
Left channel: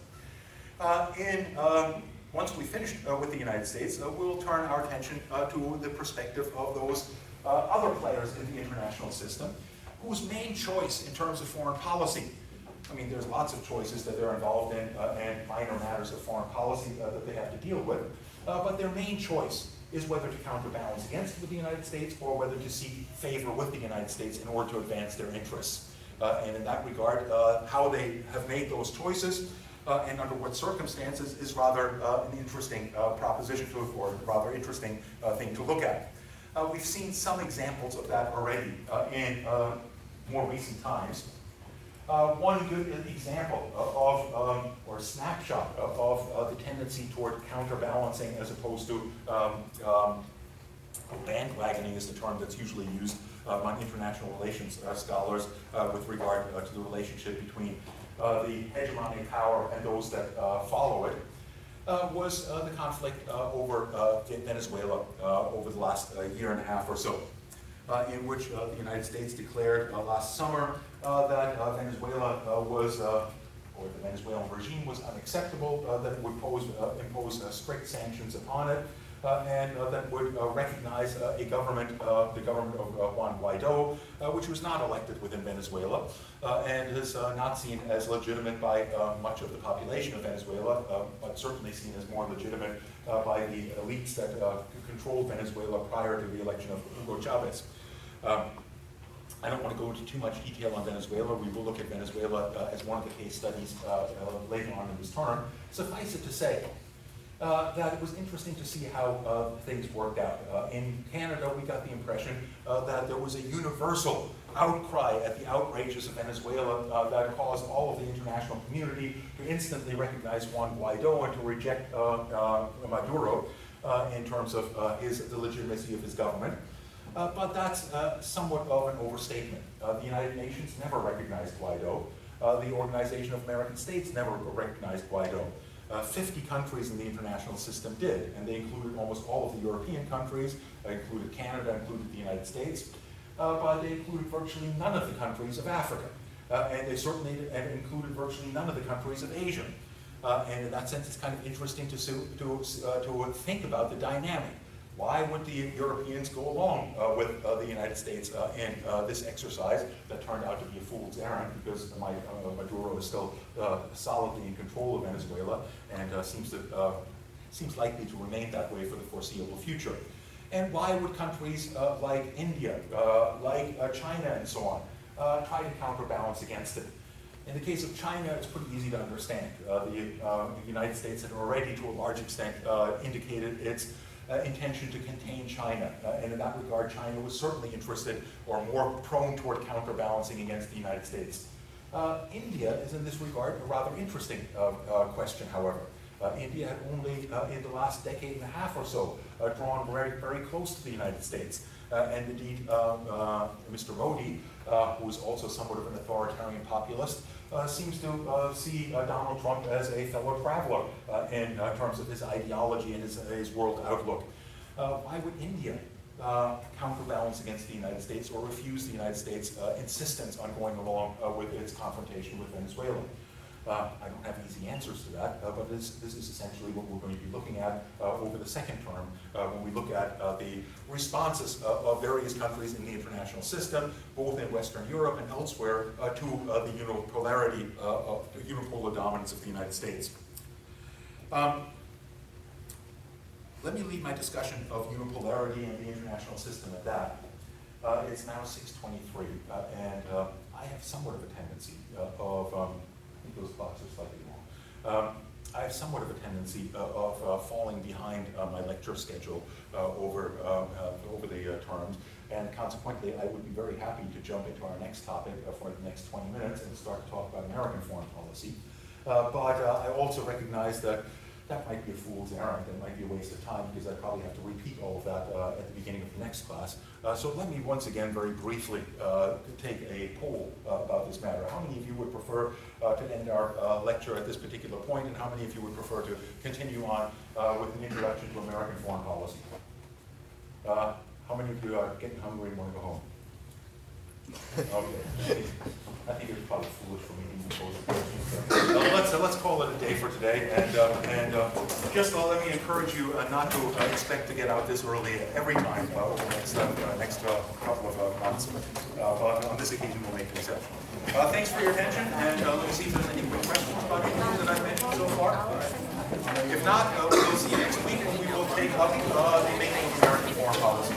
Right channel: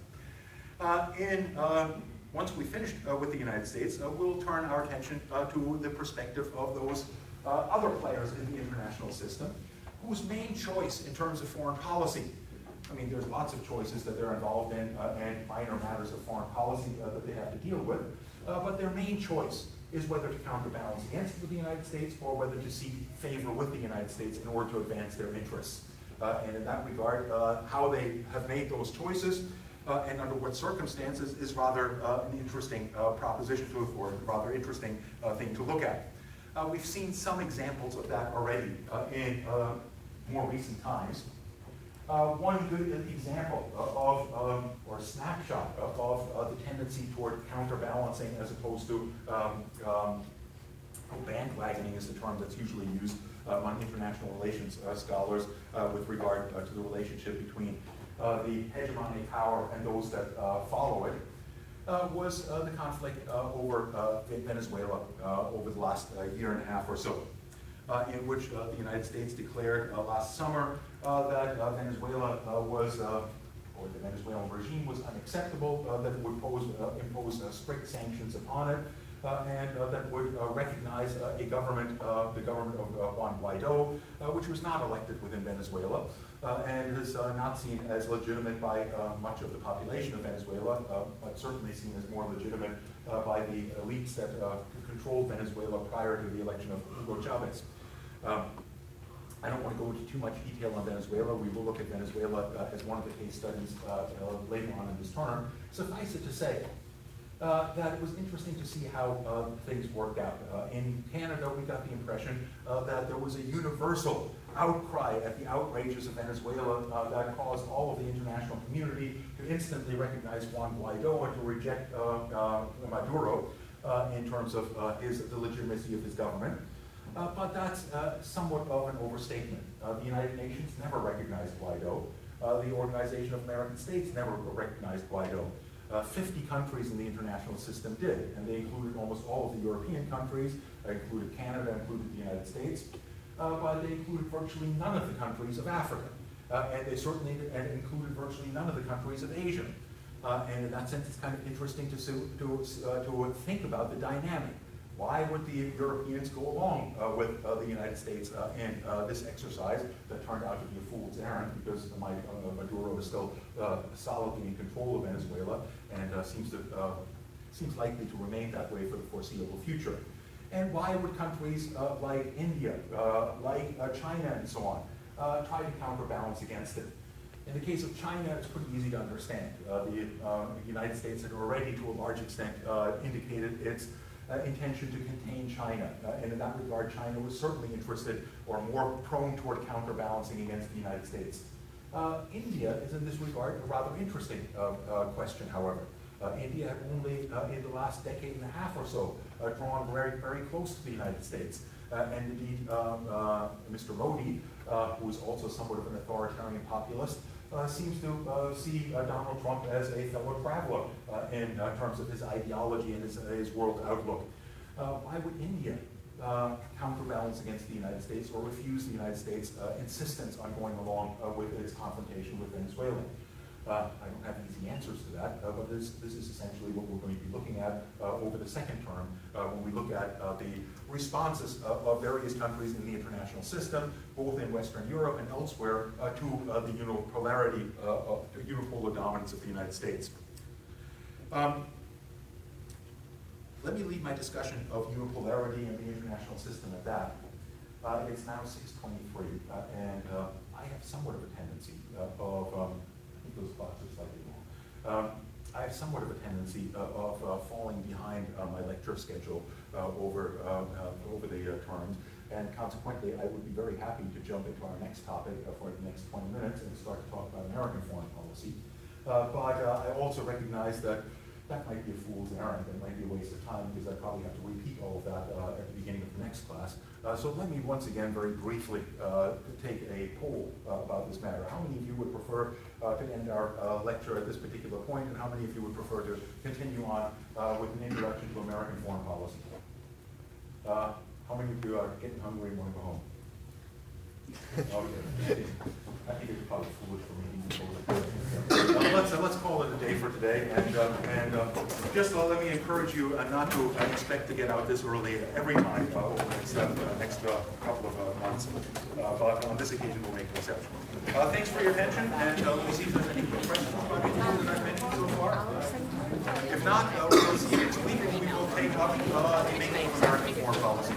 Once we finish with the United States, we'll turn our attention to the perspective of those other players in the international system, whose main choice in terms of foreign policy, I mean, there's lots of choices that they're involved in and minor matters of foreign policy that they have to deal with, but their main choice is whether to counterbalance against the United States or whether to seek favor with the United States in order to advance their interests. And in that regard, how they have made those choices and under what circumstances is rather an interesting proposition or rather interesting thing to look at. We've seen some examples of that already in more recent times. One good example of, or snapshot of the tendency toward counterbalancing as opposed to bandwagoning is the term that's usually used among international relations scholars with regard to the relationship between the hegemonic power and those that follow it, was the conflict over Venezuela over the last year and a half or so, in which the United States declared last summer that Venezuela was, or the Venezuelan regime was unacceptable, that it would impose strict sanctions upon it, and that would recognize a government, the government of Juan Guaido, which was not elected within Venezuela, and is not seen as legitimate by much of the population of Venezuela, but certainly seen as more legitimate by the elites that controlled Venezuela prior to the election of Hugo Chavez. I don't want to go into too much detail on Venezuela. We will look at Venezuela as one of the case studies later on in this term. Suffice it to say that it was interesting to see how things worked out. In Canada, we got the impression that there was a universal outcry at the outrages of Venezuela that caused all of the international community to instantly recognize Juan Guaido and to reject Maduro in terms of the legitimacy of his government. But that's somewhat of an overstatement. The United Nations never recognized Guaido. The Organization of American States never recognized Guaido. 50 countries in the international system did, and they included almost all of the European countries, included Canada, included the United States, but they included virtually none of the countries of Africa, and they certainly included virtually none of the countries of Asia. And in that sense, it's kind of interesting to think about the dynamic. Why would the Europeans go along with the United States in this exercise that turned out to be a fool's errand, because Maduro is still solidly in control of Venezuela and seems likely to remain that way for the foreseeable future? And why would countries like India, like China and so on, try to counterbalance against it? In the case of China, it's pretty easy to understand. The United States had already, to a large extent, indicated its intention to contain China. And in that regard, China was certainly interested or more prone toward counterbalancing against the United States. India is in this regard a rather interesting question, however. India had only, in the last decade and a half or so, drawn very, very close to the United States. And indeed, Mr. Modi, who is also somewhat of an authoritarian populist, seems to see Donald Trump as a fellow traveler in terms of his ideology and his world outlook. Why would India counterbalance against the United States or refuse the United States' insistence on going along with its confrontation with Venezuela? I don't have easy answers to that, but this is essentially what we're going to be looking at over the second term when we look at the responses of various countries in the international system, both in Western Europe and elsewhere, to the unipolarity, unipolar dominance of the United States. Let me leave my discussion of unipolarity in the international system at that. It's now 6:23, and I have somewhat of a tendency those clocks are slightly long. I have somewhat of a tendency of falling behind my lecture schedule over the terms, and consequently I would be very happy to jump into our next topic for the next 20 minutes and start to talk about American foreign policy. But I also recognize that that might be a fool's errand, that might be a waste of time, because I probably have to repeat all of that at the beginning of the next class. So let me once again very briefly take a poll about this matter. How many of you would prefer to end our lecture at this particular point, and how many of you would prefer to continue on with an introduction to American foreign policy? How many of you are getting hungry and want to go home? Okay. I think it's probably foolish for me to move forward. Let's call it a day for today, and just let me encourage you not to expect to get out this early every time over the next couple of months, but on this occasion we'll make an exception. Thanks for your attention, and let me see if there's any quick questions about anything that I've mentioned so far. If not, we'll see you next week, and we will take up the making of American foreign policy.